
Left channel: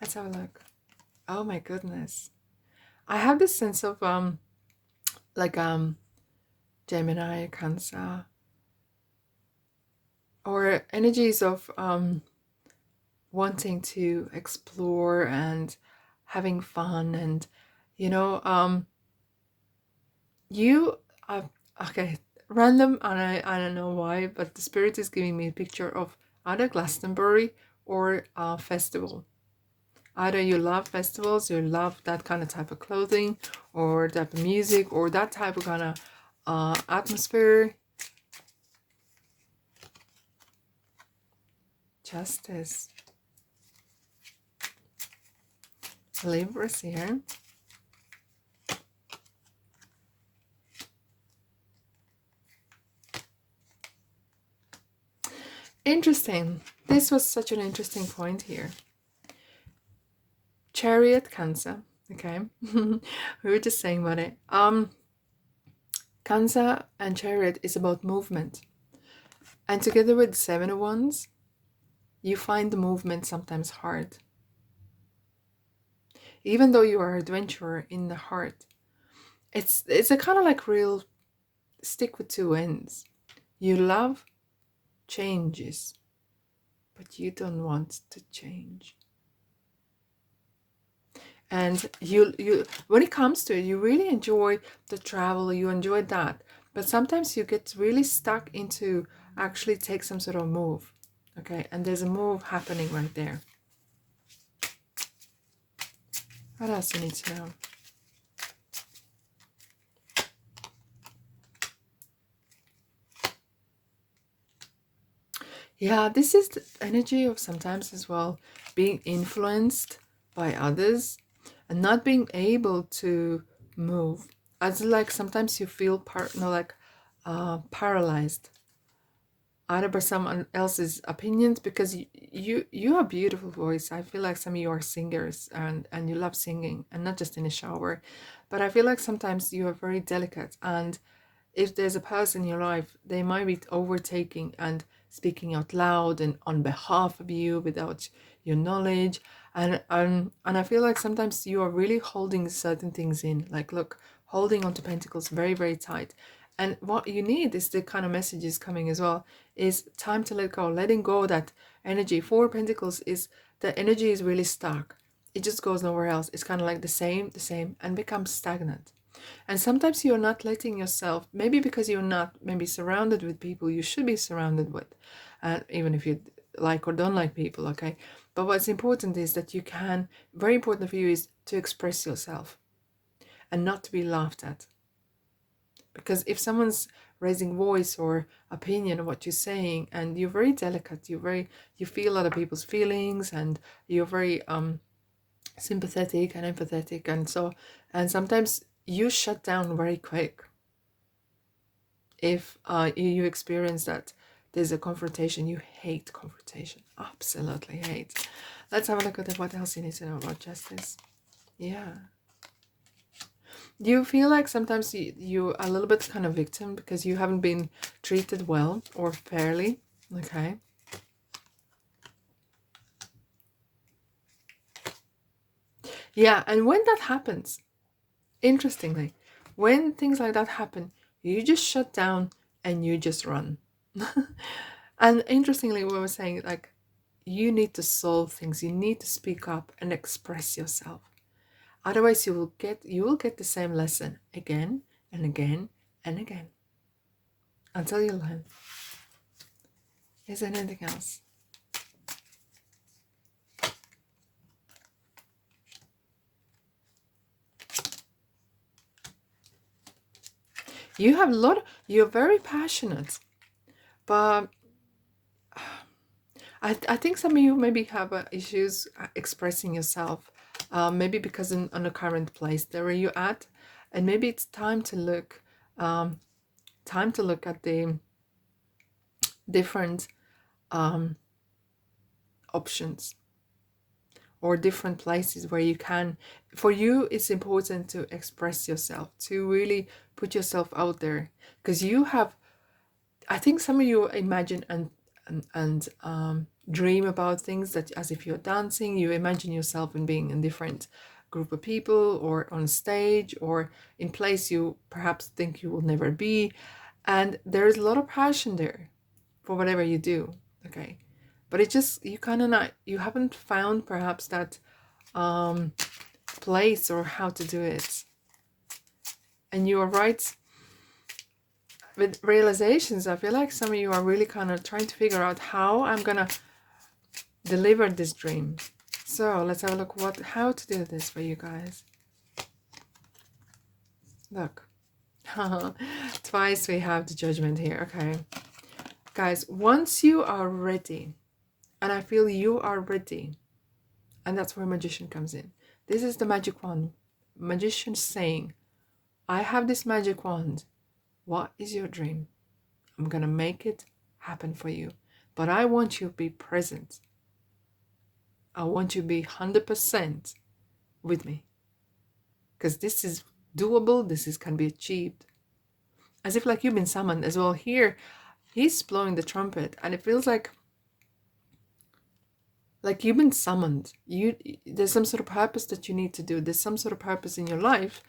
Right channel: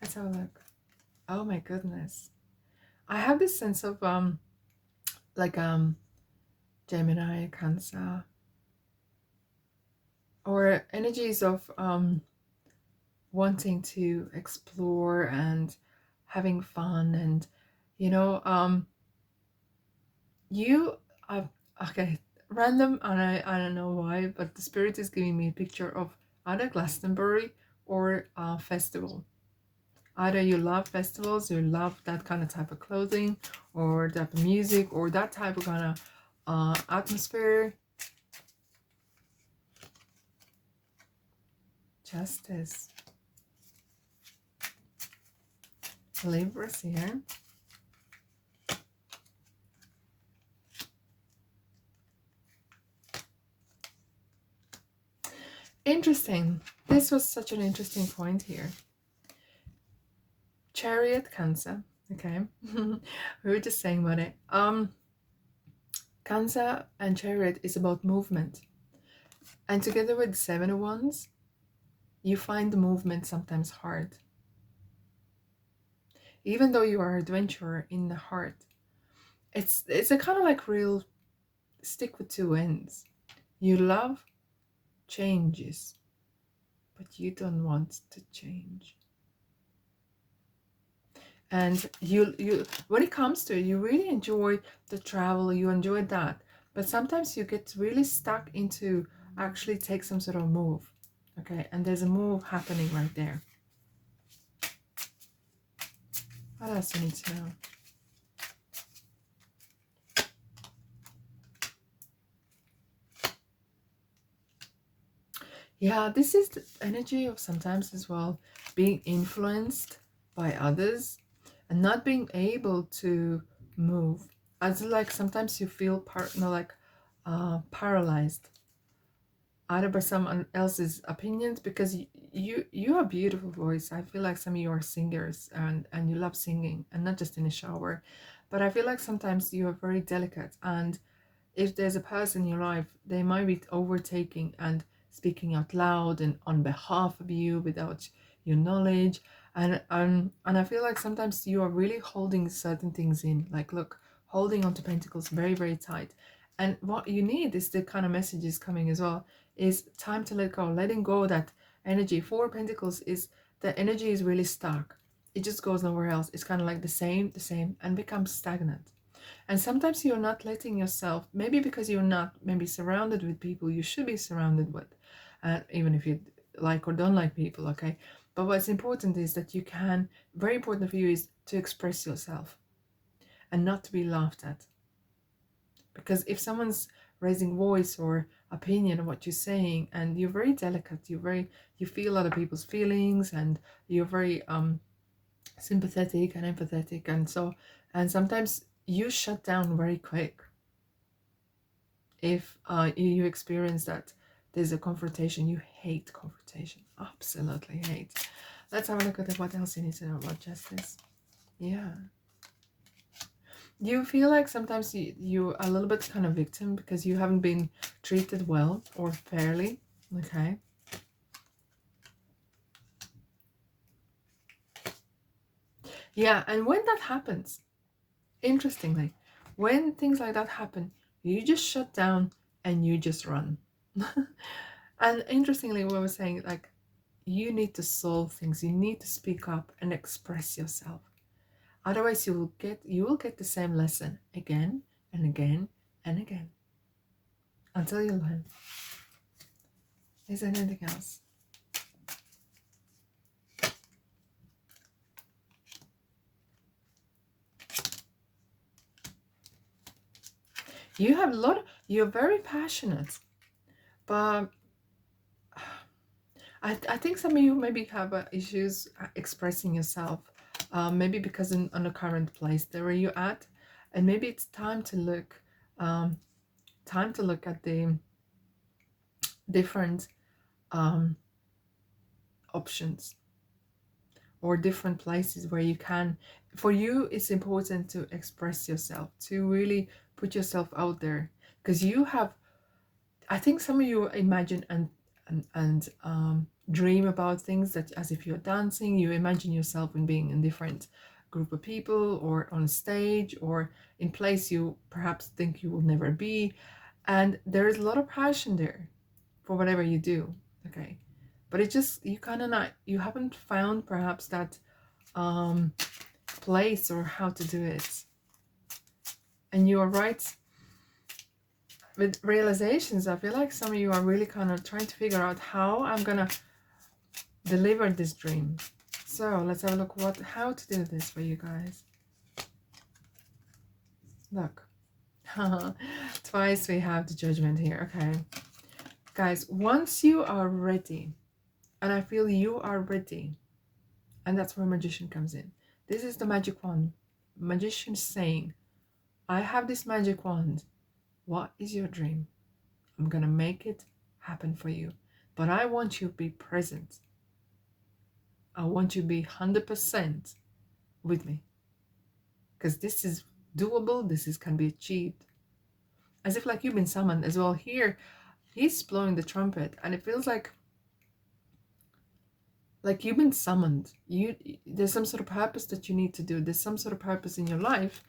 Let's have a look. Oh my goodness. I have this sense of Gemini, Cancer, or energies of wanting to explore and having fun, and you know, you okay, random, and I don't know why, but the spirit is giving me a picture of either Glastonbury or a festival. Either you love festivals, you love that kind of type of clothing, or type of music, or that type of kind of atmosphere. Justice. Libras here. Interesting. This was such an interesting point here. Chariot, Cancer. Okay. We were just saying about it. Cancer and Chariot is about movement. And together with Seven of Wands, you find the movement sometimes hard. Even though you are an adventurer in the heart, it's a kind of like real stick with two ends. You love changes, but you don't want to change. And you when it comes to it, you really enjoy the travel, you enjoy that, but sometimes you get really stuck into actually take some sort of move. Okay, and there's a move happening right there. What else you need to know? Yeah, this is the energy of sometimes as well being influenced by others and not being able to move. As like sometimes you feel paralyzed either by someone else's opinions, because you have a beautiful voice. I feel like some of you are singers, and you love singing, and not just in the shower, but I feel like sometimes you are very delicate, and if there's a person in your life, they might be overtaking and speaking out loud and on behalf of you without your knowledge. And I feel like sometimes you are really holding certain things in. Like, look, holding on to pentacles very, very tight. And what you need is the kind of messages coming as well, is time to let go, letting go of that energy. Four of Pentacles is the energy is really stuck. It just goes nowhere else. It's kind of like the same, and becomes stagnant. And sometimes you're not letting yourself, maybe because you're not maybe surrounded with people you should be surrounded with, even if you like or don't like people, okay? But what's important is that you can, very important for you is to express yourself and not to be laughed at. Because if someone's raising voice or opinion of what you're saying, and you're very delicate, you feel a lot of people's feelings, and you're very sympathetic and empathetic, and sometimes you shut down very quick if you experience that there's a confrontation. You hate confrontation, absolutely hate. Let's have a look at what else you need to know about justice. Yeah, you feel like sometimes you a little bit kind of victim because you haven't been treated well or fairly. Okay. Yeah, and when that happens, interestingly, when things like that happen, you just shut down and you just run. And interestingly, we were saying, like, you need to solve things, you need to speak up and express yourself. Otherwise you will get the same lesson again and again and again until you learn. Is there anything else? You have a lot, you're very passionate, but I think some of you maybe have issues expressing yourself, maybe because on the current place there where you're at, and maybe it's time to look at the different options or different places where you can. For you, it's important to express yourself, to really put yourself out there, because you have, I think some of you imagine and dream about things that as if you're dancing, you imagine yourself in being in different group of people or on stage or in place you perhaps think you will never be. And there is a lot of passion there for whatever you do. Okay. But it just, you kind of not, you haven't found perhaps that place or how to do it. And you are right with realizations. I feel like some of you are really kind of trying to figure out how I'm gonna deliver this dream. So let's have a look how to do this for you guys. Look. Twice we have the judgment here. Okay. Guys, once you are ready, and I feel you are ready, and that's where magician comes in. This is the magic wand. Magician saying, I have this magic wand. What is your dream? I'm gonna make it happen for you. But I want you to be present. I want you to be 100% with me. Because this is doable, can be achieved. As if like you've been summoned as well. Here, he's blowing the trumpet, and it feels like you've been summoned. There's some sort of purpose that you need to do. There's some sort of purpose in your life,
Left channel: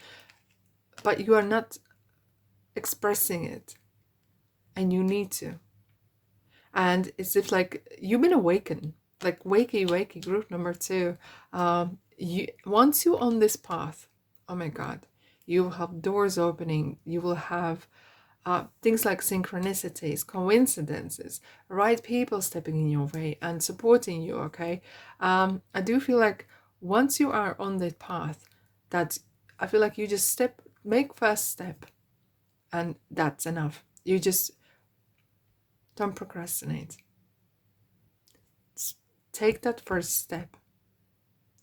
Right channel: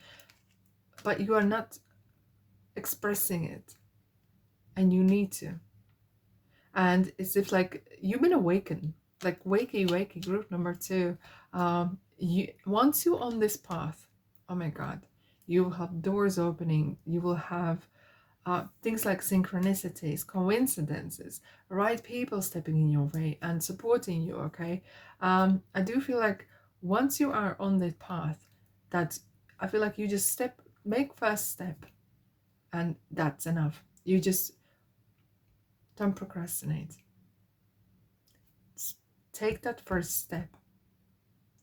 but you are not expressing it, and you need to. And it's if like you've been awakened, like wakey group number 2. Once you're on this path, oh my god, you will have doors opening. You will have things like synchronicities, coincidences, right people stepping in your way and supporting you. Okay. I do feel like once you are on that path, that I feel like you just make first step, and that's enough. You just don't procrastinate. Take that first step,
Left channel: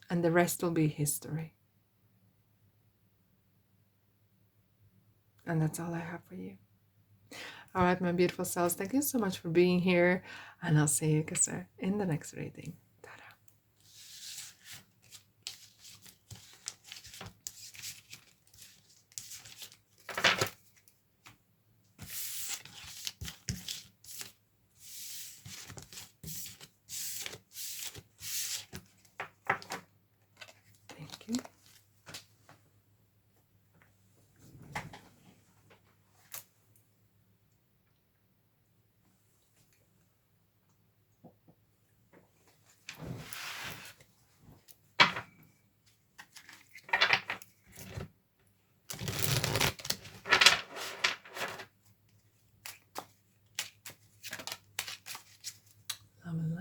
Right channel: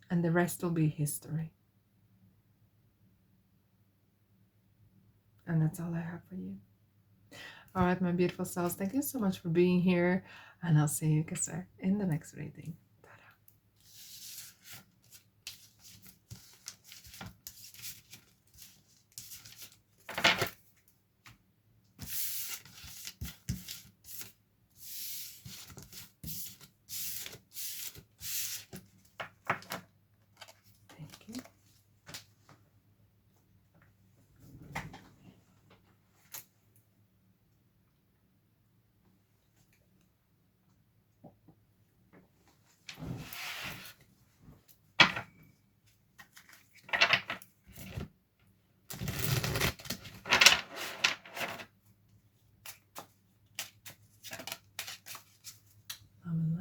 and the rest will be history. And that's all I have for you. All right, my beautiful souls, thank you so much for being here, and I'll see you guys in the next reading.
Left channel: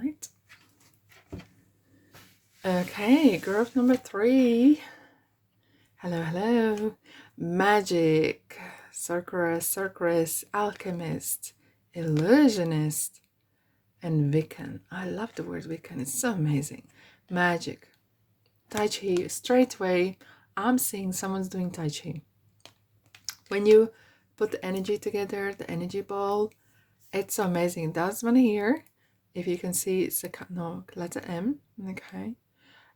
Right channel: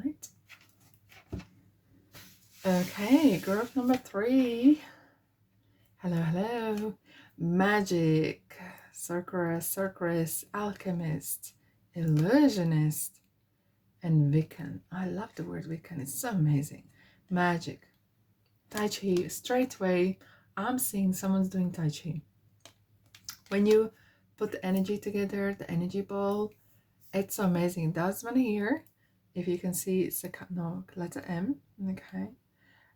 Light. Okay, group number 3. Hello. Magic, sorceress, alchemist, illusionist, and Wiccan. I love the word Wiccan. It's so amazing. Magic, Tai Chi. Straight away, I'm seeing someone's doing Tai Chi. When you put the energy together, the energy ball, it's so amazing. That's one here. If you can see, it's the letter M. Okay.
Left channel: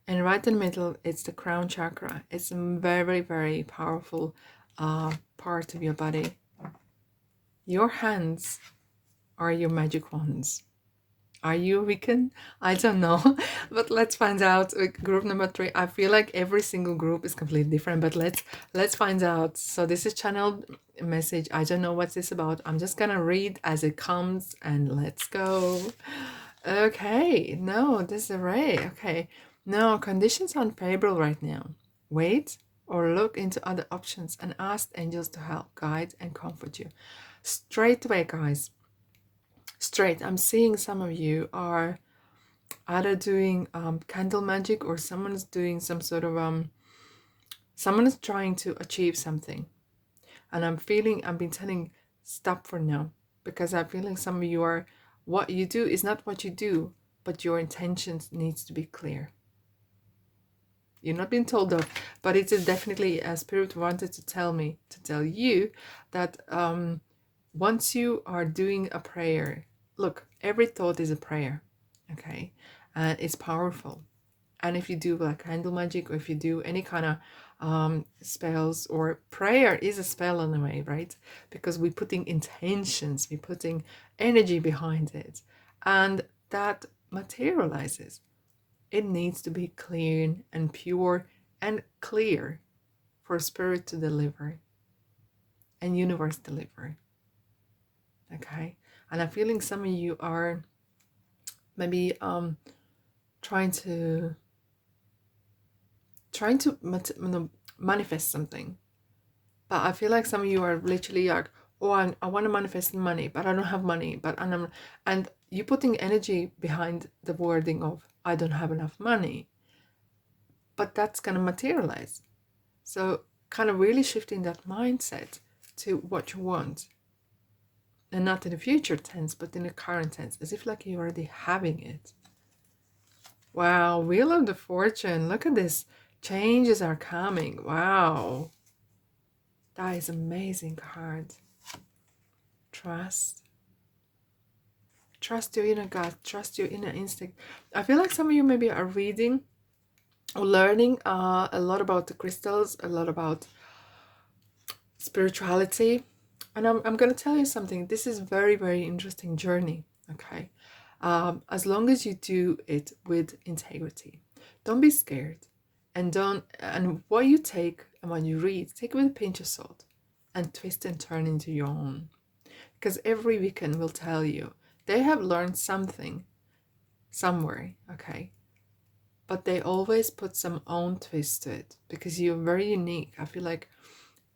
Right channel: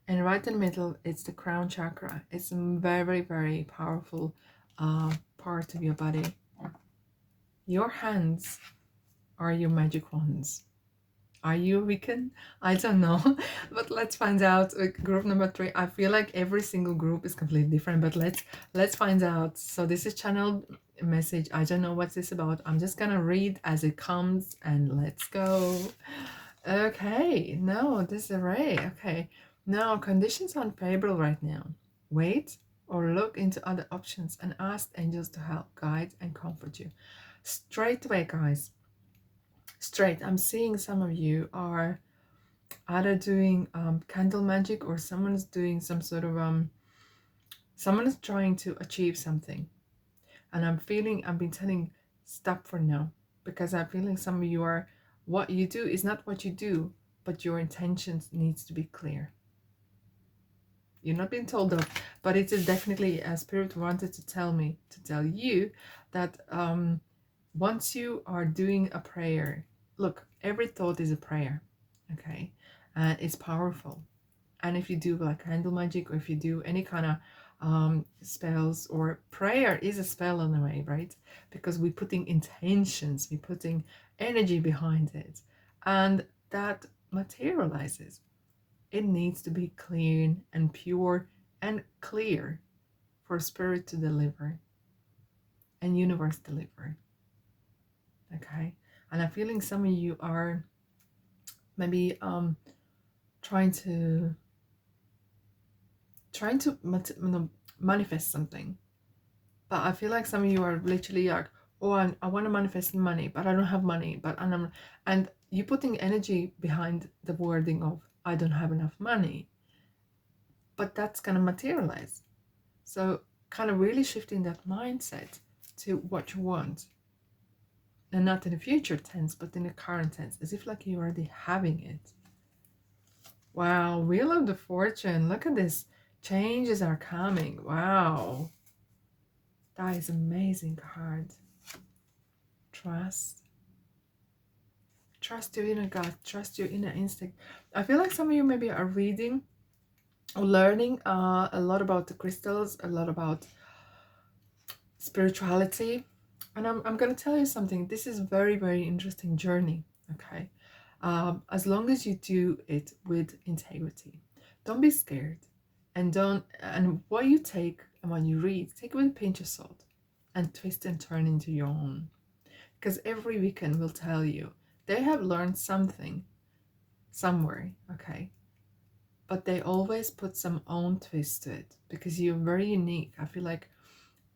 And right in the middle, it's the crown chakra. It's a very, very powerful part of your body. Your hands are your magic wands. Are you Wiccan? I don't know, but let's find out. Group number 3. I feel like every single group is completely different, but let's find out. So this is channeled message. I don't know what this is about. I'm just gonna read as it comes, and let's go. Okay, no, this is a ray. Okay, no, conditions are unfavorable right now. Wait or look into other options and ask angels to help, guide, and comfort you. Straight away, guys. Straight, I'm seeing some of you are either doing candle magic, or someone's doing some sort of someone is trying to achieve something, and I've been telling stop for now, because I'm feeling some of you are, what you do is not what you do, but your intentions needs to be clear. You're not being told that, but it is definitely a spirit wanted to tell you that once you are doing a prayer, look, every thought is a prayer, okay? And it's powerful. And if you do like candle magic, or if you do any kind of spells, or prayer is a spell in a way, right? Because we're putting intentions, we're putting energy behind it, and that materializes. It needs to be clean and pure and clear for spirit to deliver and universe deliver. okay? And I'm feeling some of you are maybe trying to manifest something. But I feel like some of you are literally like, oh, I want to manifest money, but I don't have money. And you putting energy behind the wording of I don't have enough money, but that's gonna materialize. So kind of really shifting that mindset to what you want, and not in the future tense, but in the current tense, as if like you're already having it. Wow, Wheel of the Fortune. Look at this. Changes are coming. Wow. That is amazing card. Trust. Trust your inner gut. Trust your inner instinct. I feel like some of you maybe are reading or learning a lot about the crystals, a lot about spirituality. And I'm going to tell you something. This is very, very interesting journey. Okay. As long as you do it with integrity. Don't be scared. And what you take and what you read, take it with a pinch of salt and twist and turn into your own. Because every Wiccan will tell you they have learned something somewhere, okay? But they always put some own twist to it because you're very unique. I feel like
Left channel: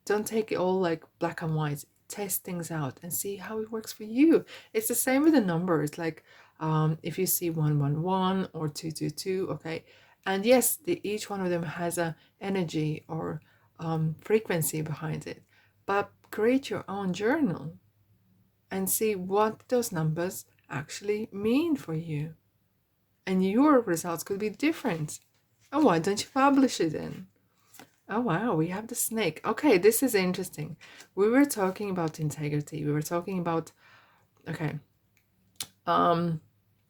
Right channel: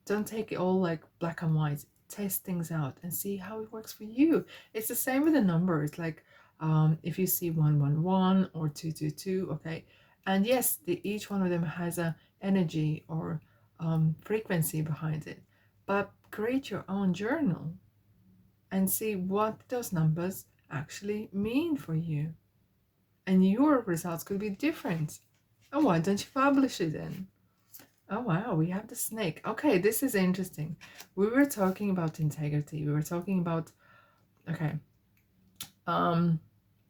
don't take it all like black and white. Test things out and see how it works for you. It's the same with the numbers. Like if you see 111 or 222, okay, and yes, each one of them has a energy or frequency behind it. But create your own journal and see what those numbers actually mean for you. And your results could be different. Oh, why don't you publish it then? Oh, wow, we have the snake. Okay, this is interesting. We were talking about integrity. We were talking about, okay, I'm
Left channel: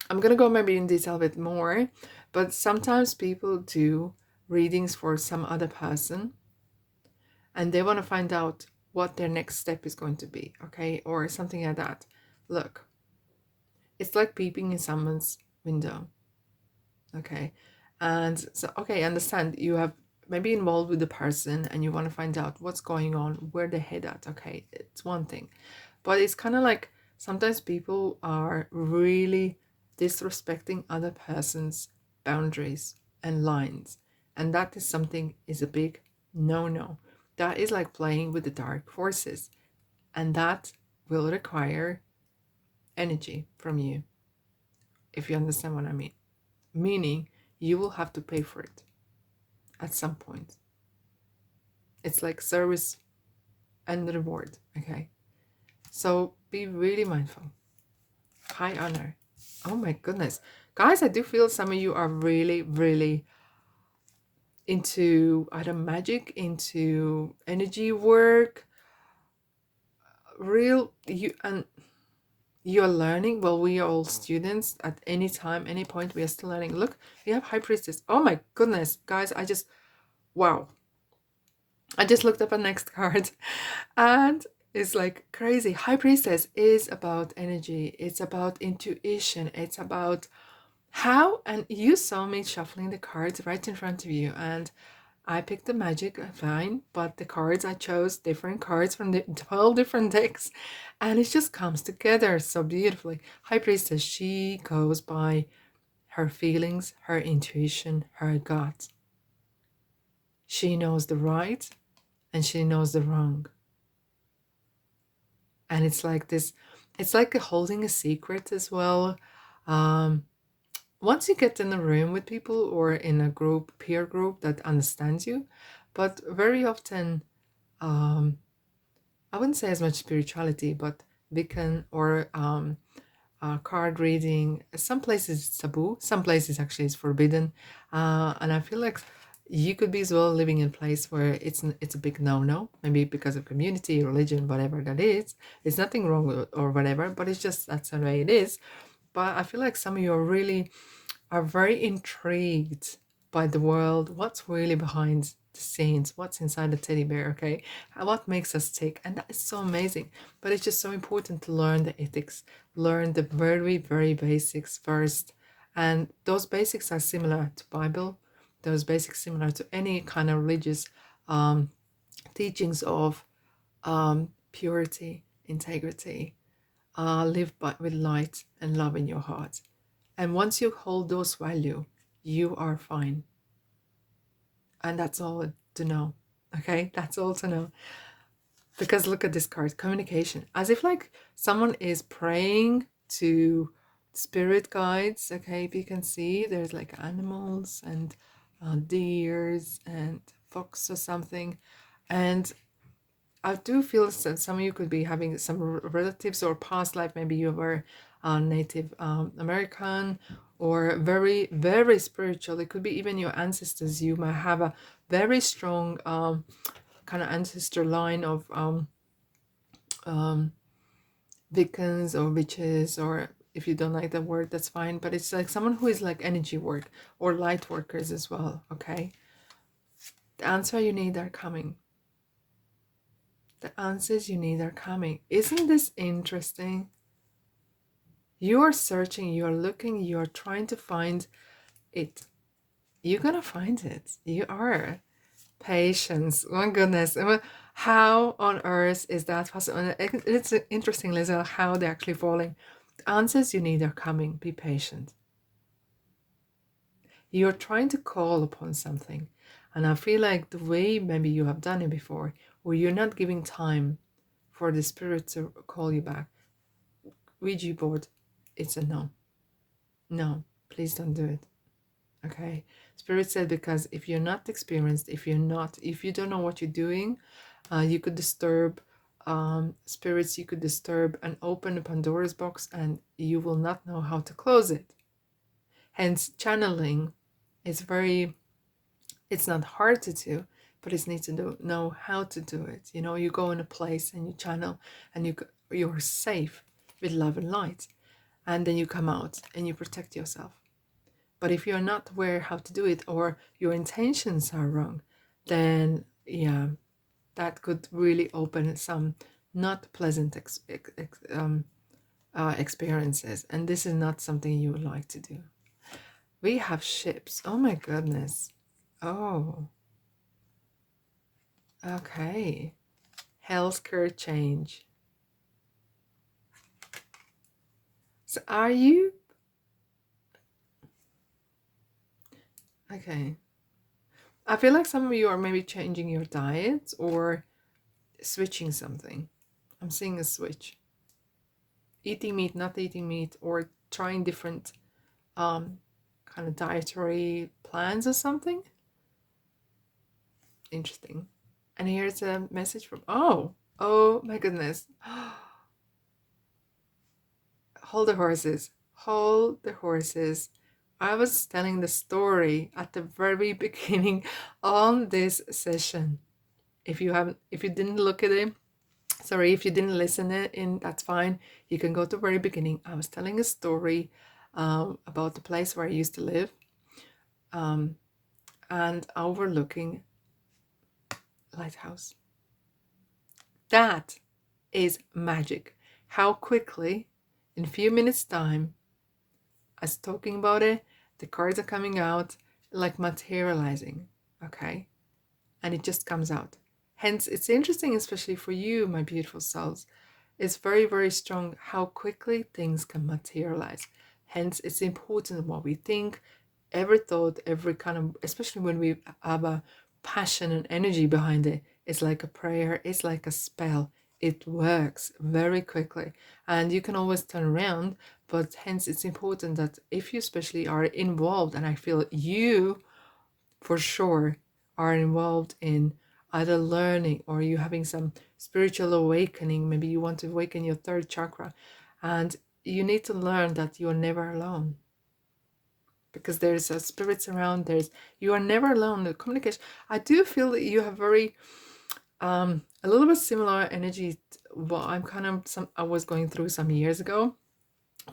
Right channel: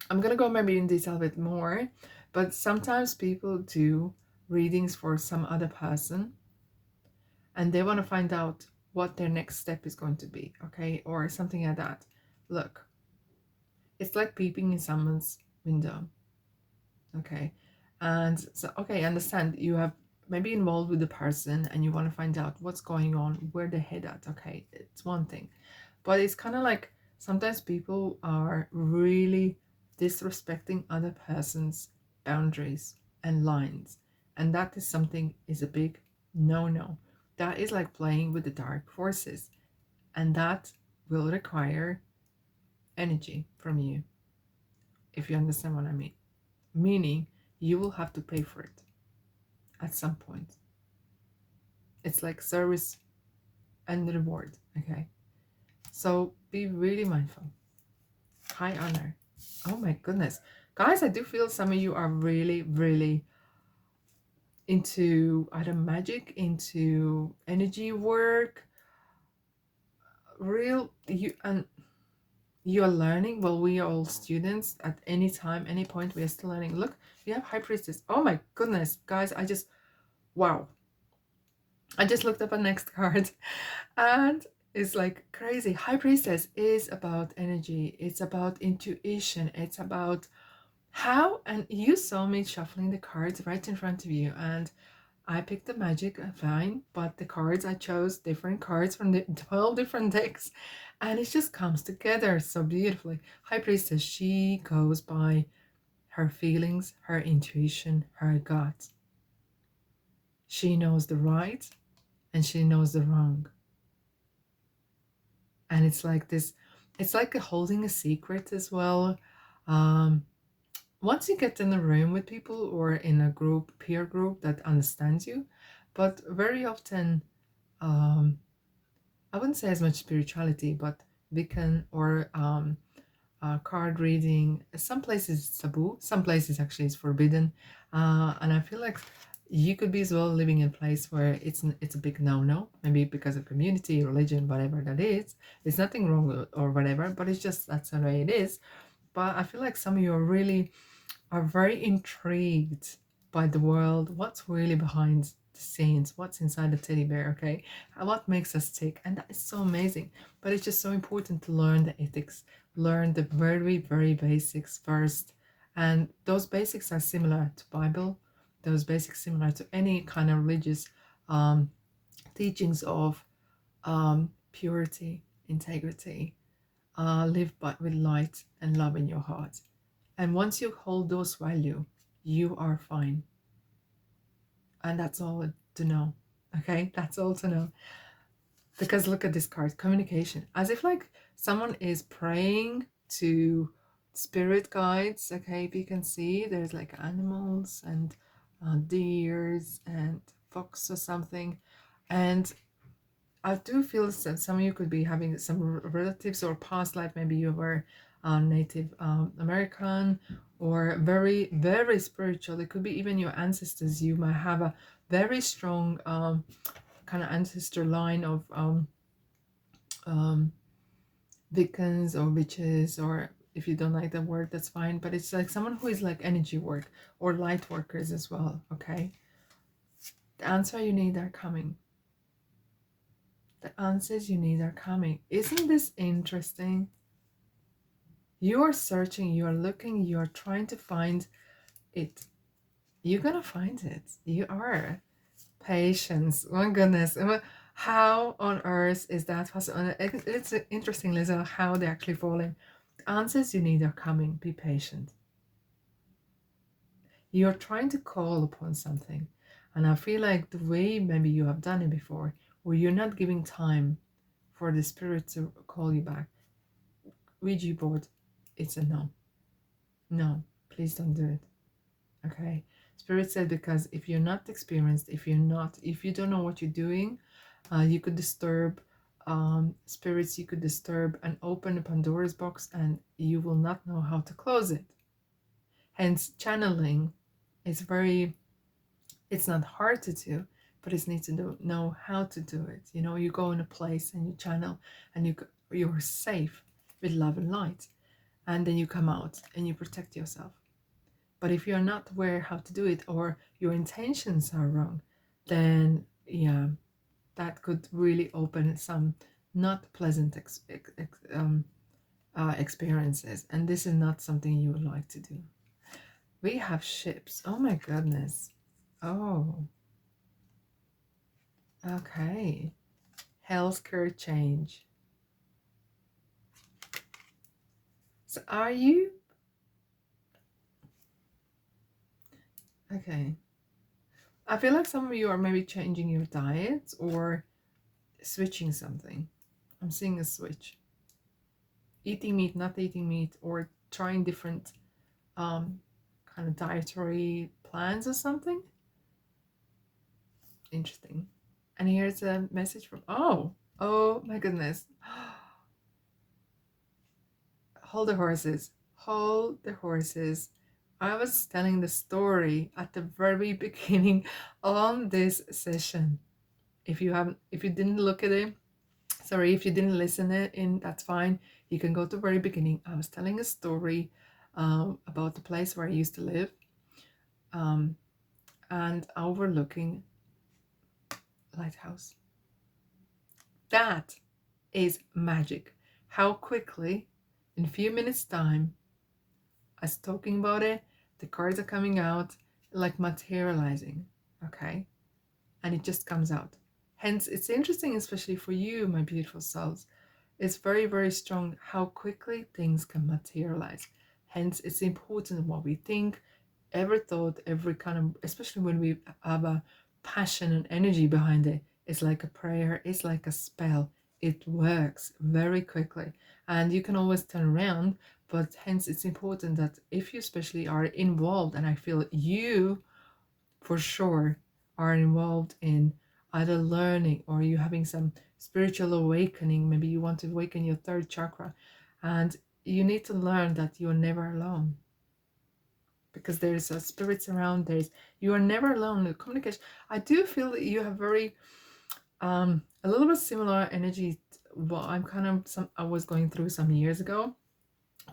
gonna go maybe in detail a bit more, but sometimes people do readings for some other person and they want to find out what their next step is going to be, okay, or something like that. Look, it's like peeping in someone's window, okay? And so, okay, I understand you have maybe involved with the person and you want to find out what's going on, where they head at, okay? It's one thing. But it's kind of like sometimes people are really disrespecting other person's boundaries and lines. And that is something is a big no-no. That is like playing with the dark forces. And that will require energy from you, if you understand what I mean. Meaning you will have to pay for it at some point. It's like service and reward, okay? So be really mindful. High honor. Oh my goodness. Guys, I do feel some of you are really, really into either magic, into energy work, real you and you're learning. Well, we are all students at any time, any point we are still learning. Look, we have High Priestess. Oh my goodness, guys, wow. I just looked up a next card and it's like crazy. High Priestess is about energy. It's about intuition. It's about how, and you saw me shuffling the cards right in front of you, and I picked the magic, fine, but the cards I chose different cards from the 12 different decks, and it just comes together so beautifully. High Priestess, she goes by her feelings, her intuition, her gut. She knows the right and she knows the wrong. And it's like this, it's like holding a secret as well. Once you get in a room with people or in a group, peer group that understands you, but very often, I wouldn't say as much spirituality, but Wiccan or card reading, some places it's taboo, some places actually it's forbidden. And I feel like you could be as well living in a place where it's a big no-no, maybe because of community, religion, whatever that is. There's nothing wrong with it or whatever, but it's just that's the way it is. But I feel like some of you are very intrigued by the world, what's really behind the scenes, what's inside the teddy bear, okay? And what makes us tick. And that is so amazing. But it's just so important to learn the ethics, learn the very, very basics first. And those basics are similar to Bible, those basics similar to any kind of religious teachings of purity, integrity, live with light and love in your heart. And once you hold those values, you are fine. And that's all to know. Okay, that's all to know. Because look at this card, communication, as if like someone is praying to spirit guides. Okay, if you can see, there's like animals and deers and fox or something. And I do feel that some of you could be having some relatives or past life. Maybe you were Native American or very, very spiritual. It could be even your ancestors. You might have a very strong kind of ancestor line of um, Wiccans or witches, or if you don't like the word, that's fine. But it's like someone who is like energy work or light workers as well. Okay, the answer you need are coming. The answers you need are coming. Isn't this interesting? You are searching, you are looking, you are trying to find it. You're gonna find it. You are. Patience. Oh my goodness. How on earth is that possible? It's interesting, Lisa, how they're actually falling. The answers you need are coming. Be patient. You're trying to call upon something. And I feel like the way maybe you have done it before, where you're not giving time for the spirit to call you back. Ouija board, it's a no. No, please don't do it. Okay. Spirit said, because if you're not experienced, if you don't know what you're doing, you could disturb spirits, you could disturb and open a Pandora's box, and you will not know how to close it. Hence, channeling is it's not hard to do, but it's need to know how to do it. You know, you go in a place and you channel, and you're safe with love and light, and then you come out and you protect yourself. But if you're not aware how to do it, or your intentions are wrong, then yeah, that could really open some not pleasant experiences. And this is not something you would like to do. We have ships. Oh my goodness. Oh, okay. Healthcare change. So are you? Okay. I feel like some of you are maybe changing your diet or switching something. I'm seeing a switch. Eating meat, not eating meat, or trying different kind of dietary plans or something. Interesting. And here's a message from, oh my goodness. Hold the horses. Hold the horses. I was telling the story at the very beginning on this session. If you didn't look at it, sorry, if you didn't listen it in, that's fine. You can go to the very beginning. I was telling a story about the place where I used to live, and overlooking lighthouse. That is magic. How quickly, in a few minutes time, as talking about it, the cards are coming out, like materializing. Okay, and it just comes out. Hence, it's interesting, especially for you, my beautiful souls. It's very, very strong how quickly things can materialize. Hence, it's important what we think, every thought, every kind of, especially when we have a passion and energy behind it. It's like a prayer, it's like a spell. It works very quickly, and you can always turn around. But hence, it's important that if you especially are involved, and I feel you for sure are involved in either learning or you having some spiritual awakening. Maybe you want to awaken your third chakra, and you need to learn that you're never alone, because there's spirits around. You are never alone. The communication, I do feel that you have very a little bit similar energy. What I was going through some years ago,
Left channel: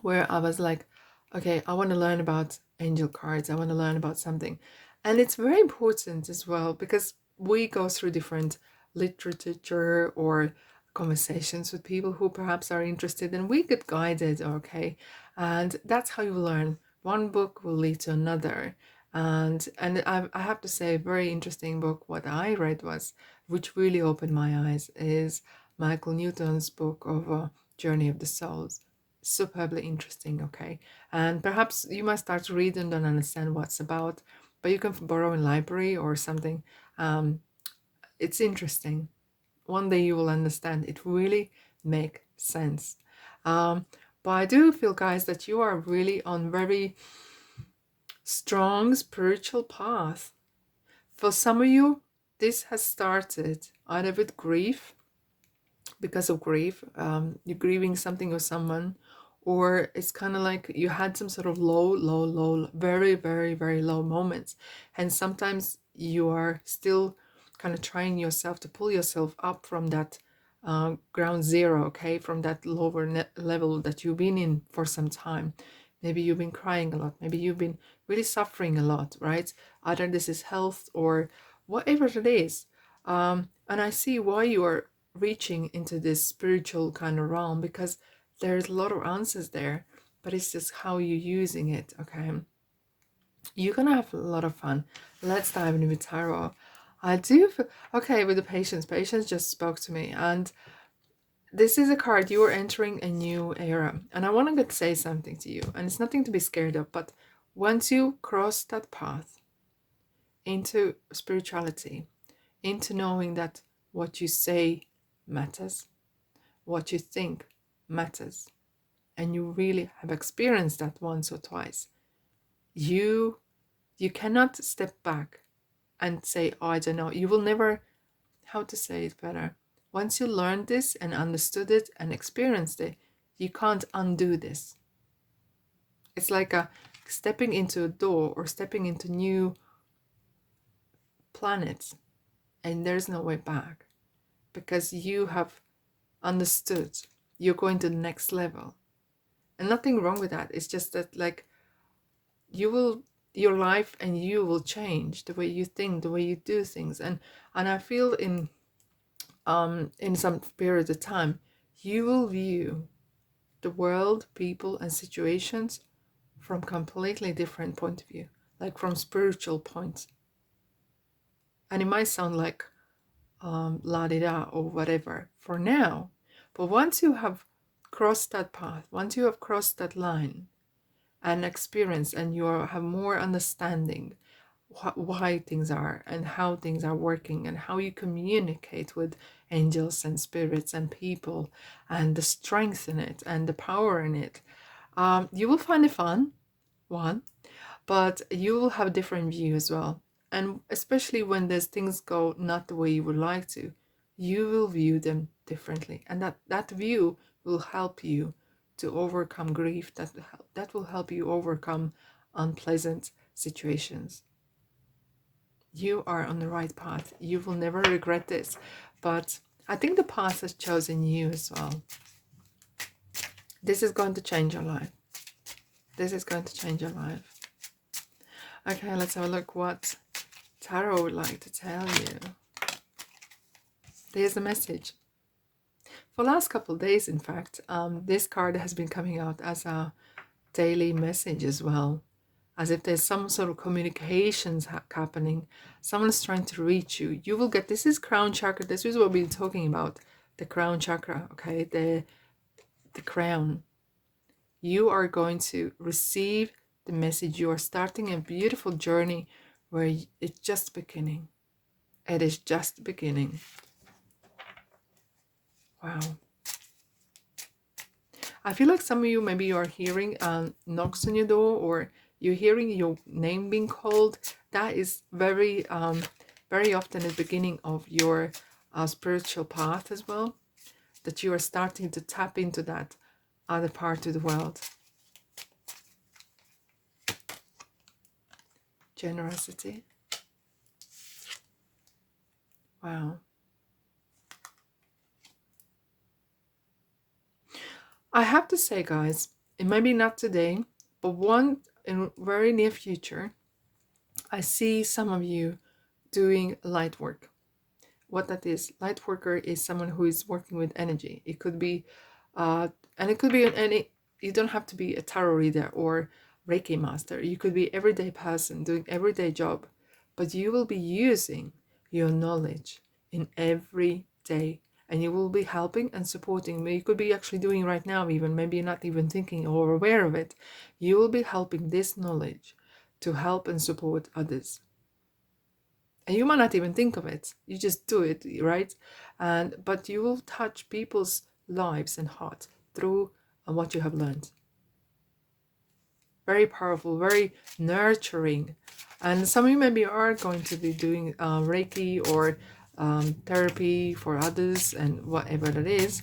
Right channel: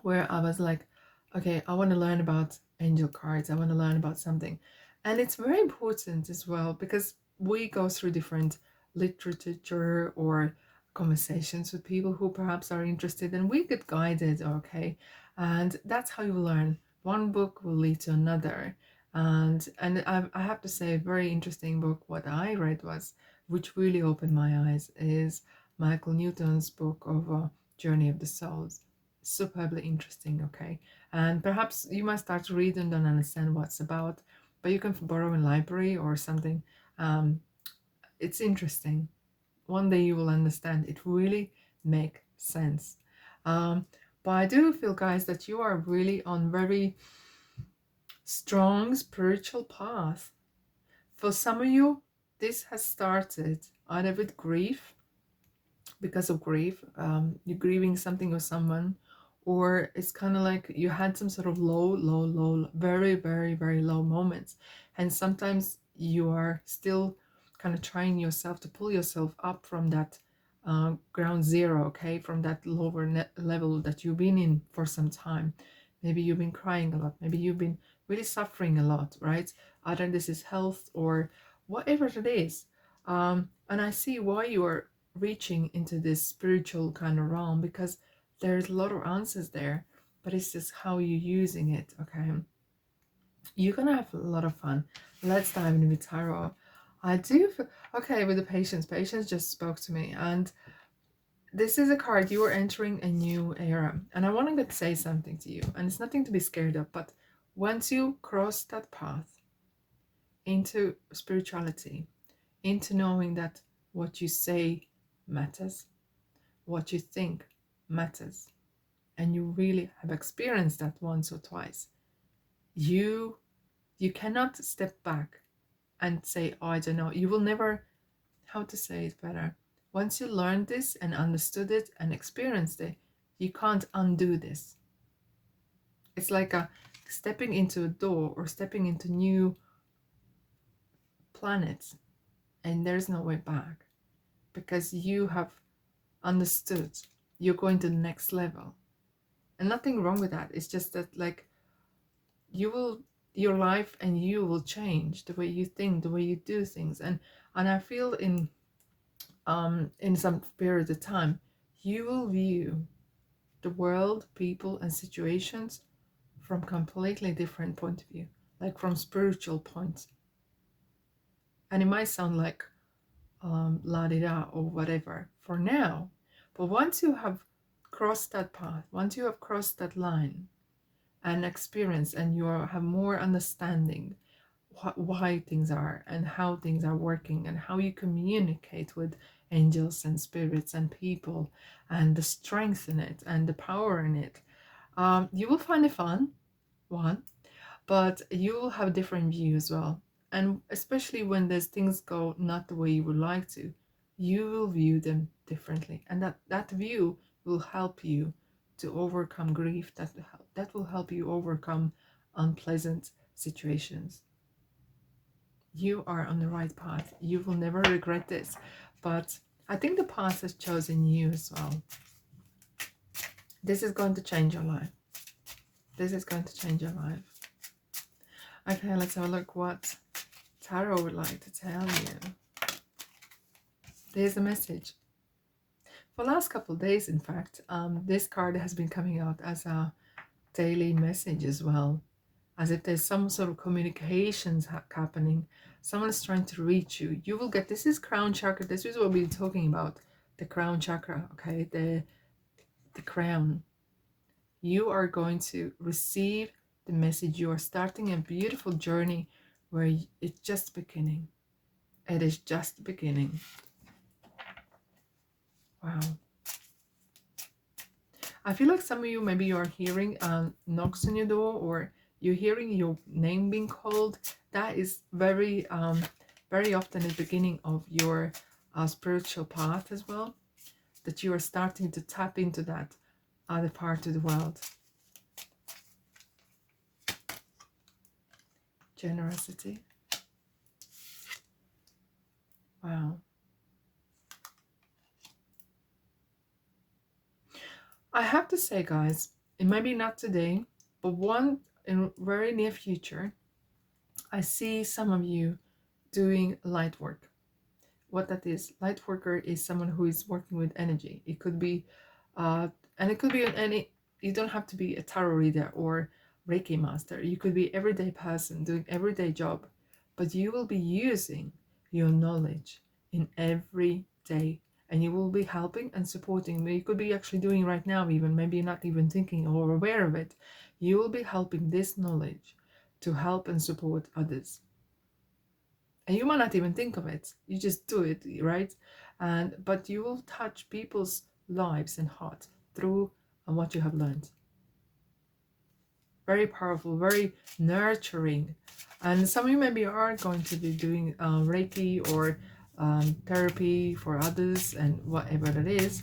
where I was like, okay, I want to learn about angel cards. I want to learn about something. And it's very important as well, because we go through different literature or conversations with people who perhaps are interested, and we get guided, okay? And that's how you learn. One book will lead to another. And I have to say, a very interesting book, what I read was, which really opened my eyes, is Michael Newton's book of journey of the souls. Superbly interesting, okay? And perhaps you might start to read and don't understand what's about, but you can borrow in library or something. It's interesting. One day you will understand. It really make sense. Um, but I do feel, guys, that you are really on very strong spiritual path. For some of you, this has started either with grief, because of grief, you're grieving something or someone, or it's kind of like you had some sort of low, very, very, very low moments. And sometimes you are still kind of trying yourself to pull yourself up from that ground zero, okay, from that lower level that you've been in for some time. Maybe you've been crying a lot, maybe you've been really suffering a lot, right? Either this is health or whatever it is. And I see why you are reaching into this spiritual kind of realm, because there's a lot of answers there, but it's just how you're using it, okay? You're gonna have a lot of fun. Let's dive into tarot. I do feel, okay, with the patience just spoke to me, and this is a card. You are entering a new era, and I want to say something to you, and it's nothing to be scared of, but once you cross that path into spirituality, into knowing that what you say matters, what you think matters, and you really have experienced that once or twice, you cannot step back and say, oh, I don't know. You will never, how to say it better, once you learned this and understood it and experienced it, you can't undo this. It's like a stepping into a door or stepping into new planets, and there's no way back, because you have understood. You're going to the next level, and nothing wrong with that. It's just that, like, you will, your life and you will change, the way you think, the way you do things. And I feel in some period of time, you will view the world, people and situations from completely different point of view, like from spiritual points. And it might sound like la di da or whatever for now, but once you have crossed that path, once you have crossed that line and experience, and you have more understanding why things are and how things are working and how you communicate with angels and spirits and people, and the strength in it and the power in it, you will find it fun, one, but you will have different view as well. And especially when there's things go not the way you would like to, you will view them differently, and that view will help you to overcome grief. That will help you overcome unpleasant situations. You are on the right path. You will never regret this. But I think the path has chosen you as well. This is going to change your life. This is going to change your life. Okay, let's have a look what Tarot would like to tell you. There's a message. For the last couple of days, in fact, this card has been coming out as a daily message as well, as if there's some sort of communications happening. Someone's trying to reach you. You will get, this is crown chakra. This is what we've been talking about, the crown chakra, okay, the crown. You are going to receive the message. You are starting a beautiful journey where it's just beginning. It is just beginning. Wow. I feel like some of you, maybe you are hearing knocks on your door, or you're hearing your name being called. That is very, very often the beginning of your spiritual path as well, that you are starting to tap into that other part of the world. Generosity. Wow. I have to say, guys, it might be not today, but one in very near future, I see some of you doing light work. What that is, light worker is someone who is working with energy. It could be, and it could be any, you don't have to be a tarot reader or Reiki master. You could be everyday person doing everyday job, but you will be using your knowledge in everyday and you will be helping and supporting. You could be actually doing right now, even maybe you're not even thinking or aware of it. You will be helping this knowledge to help and support others. And you might not even think of it. You just do it, right? But you will touch people's lives and hearts through what you have learned. Very powerful, very nurturing. And some of you maybe are going to be doing Reiki or therapy for others and whatever it is,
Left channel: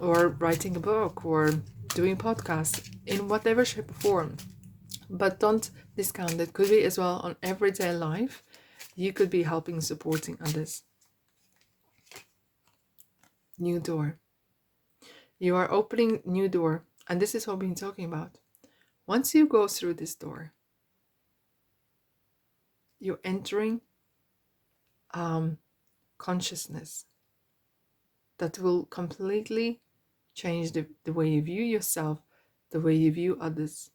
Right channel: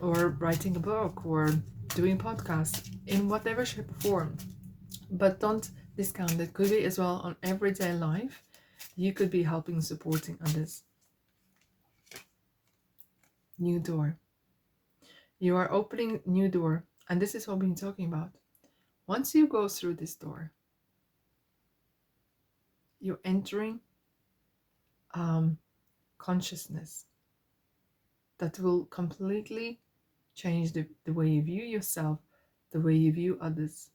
or writing a book or doing podcasts in whatever shape or form. But don't discount it. Could be as well on everyday life. You could be helping, supporting others. New door. You are opening new door. And this is what we've been talking about. Once you go through this door, you're entering consciousness that will completely change the way you view yourself, the way you view others.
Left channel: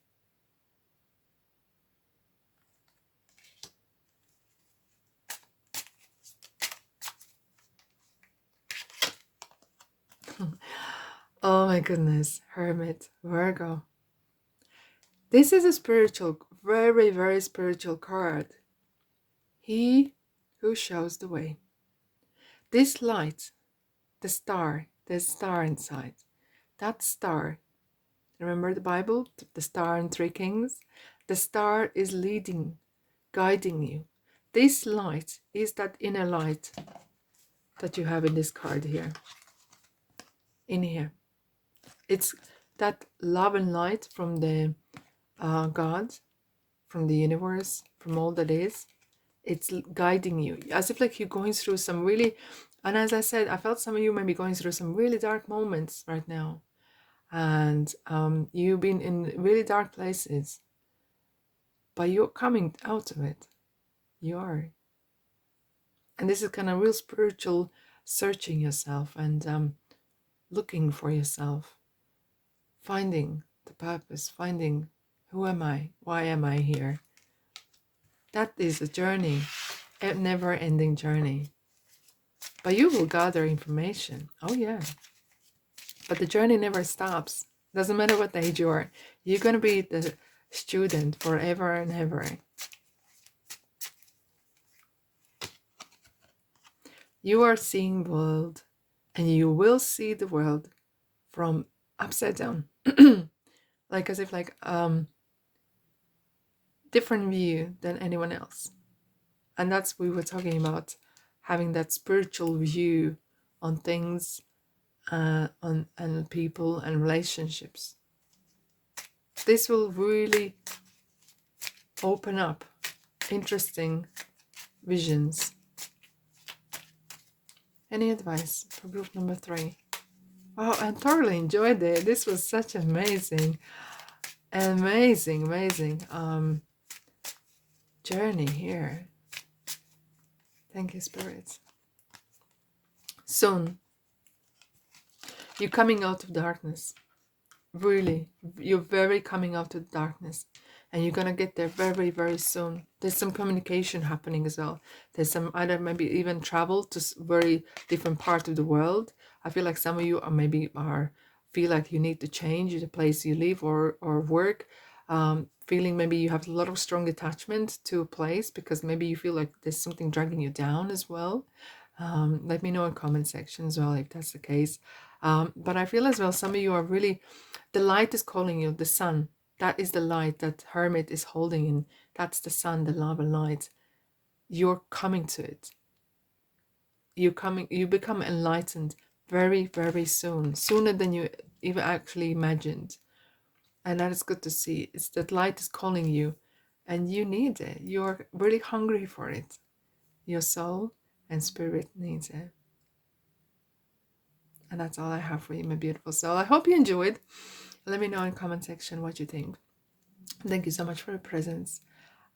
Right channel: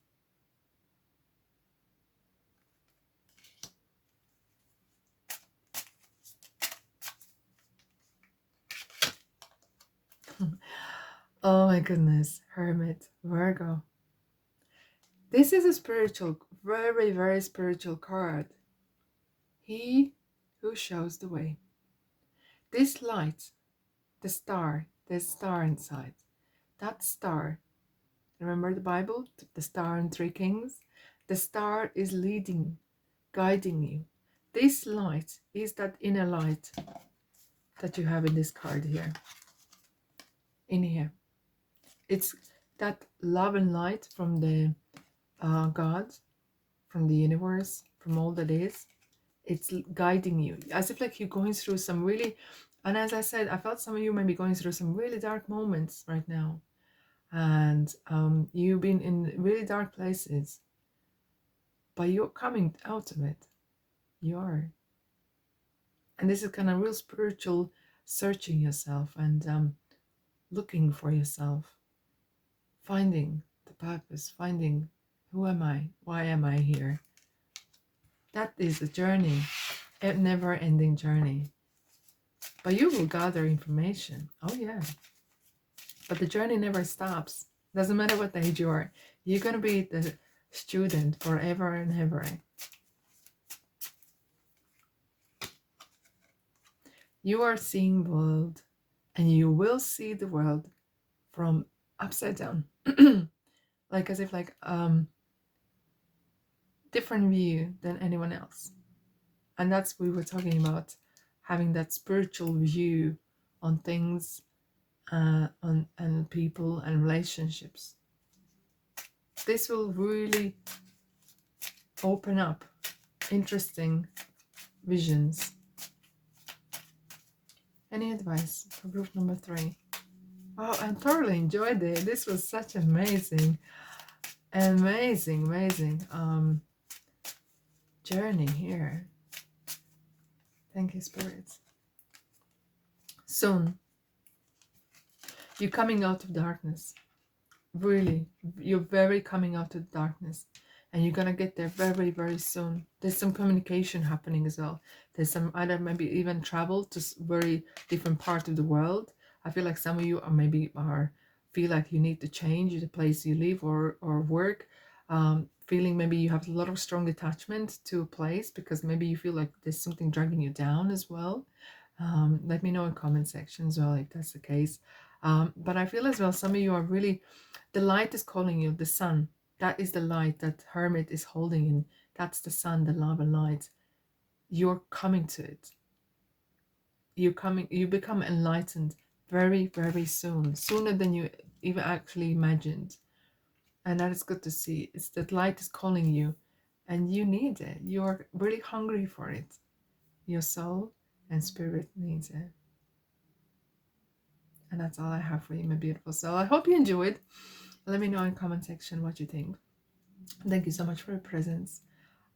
Oh my goodness, Hermit, Virgo. This is a spiritual, very, very spiritual card. He who shows the way. This light, the star, there's a star inside. That star, remember the Bible, the star and three kings? The star is leading, guiding you. This light is that inner light that you have in this card here. In here. It's that love and light from the God, from the universe, from all that is. It's guiding you, as if like you're going through some really, and as I said, I felt some of you may be going through some really dark moments right now. And you've been in really dark places, but you're coming out of it. You are. And this is kind of real spiritual searching yourself and looking for yourself, finding the purpose, finding who am I? Why am I here? That is a journey, a never-ending journey. But you will gather information. Oh yeah. But the journey never stops. Doesn't matter what age you are. You're going to be the student forever and ever. You are seeing the world, and you will see the world from upside down. Like as if like different view than anyone else. And that's we were talking about, having that spiritual view on things, on and people and relationships. This will really open up interesting visions. Any advice for group number 3? Oh, I thoroughly enjoyed it. This was such amazing journey here. Thank you, spirits. Soon, you're coming out of darkness. Really, you're very coming out of darkness. And you're going to get there very, very soon. There's some communication happening as well. There's some either maybe even travel to very different part of the world. I feel like some of you feel like you need to change the place you live or work. Feeling maybe you have a lot of strong attachment to a place because maybe you feel like there's something dragging you down as well. Let me know in comment section as well if that's the case. But I feel as well some of you are really, the light is calling you, the sun. That is the light that Hermit is holding in. That's the sun, the love and light. You're coming to it. You become enlightened very, very soon. Sooner than you even actually imagined. And that is good to see. It's that light is calling you and you need it. You're really hungry for it. Your soul and spirit needs it. And that's all I have for you, my beautiful soul. I hope you enjoyed. Let me know in the comment section what you think. Thank you so much for your presence.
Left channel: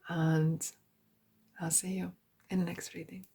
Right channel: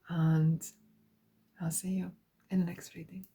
And I'll see you in the next reading.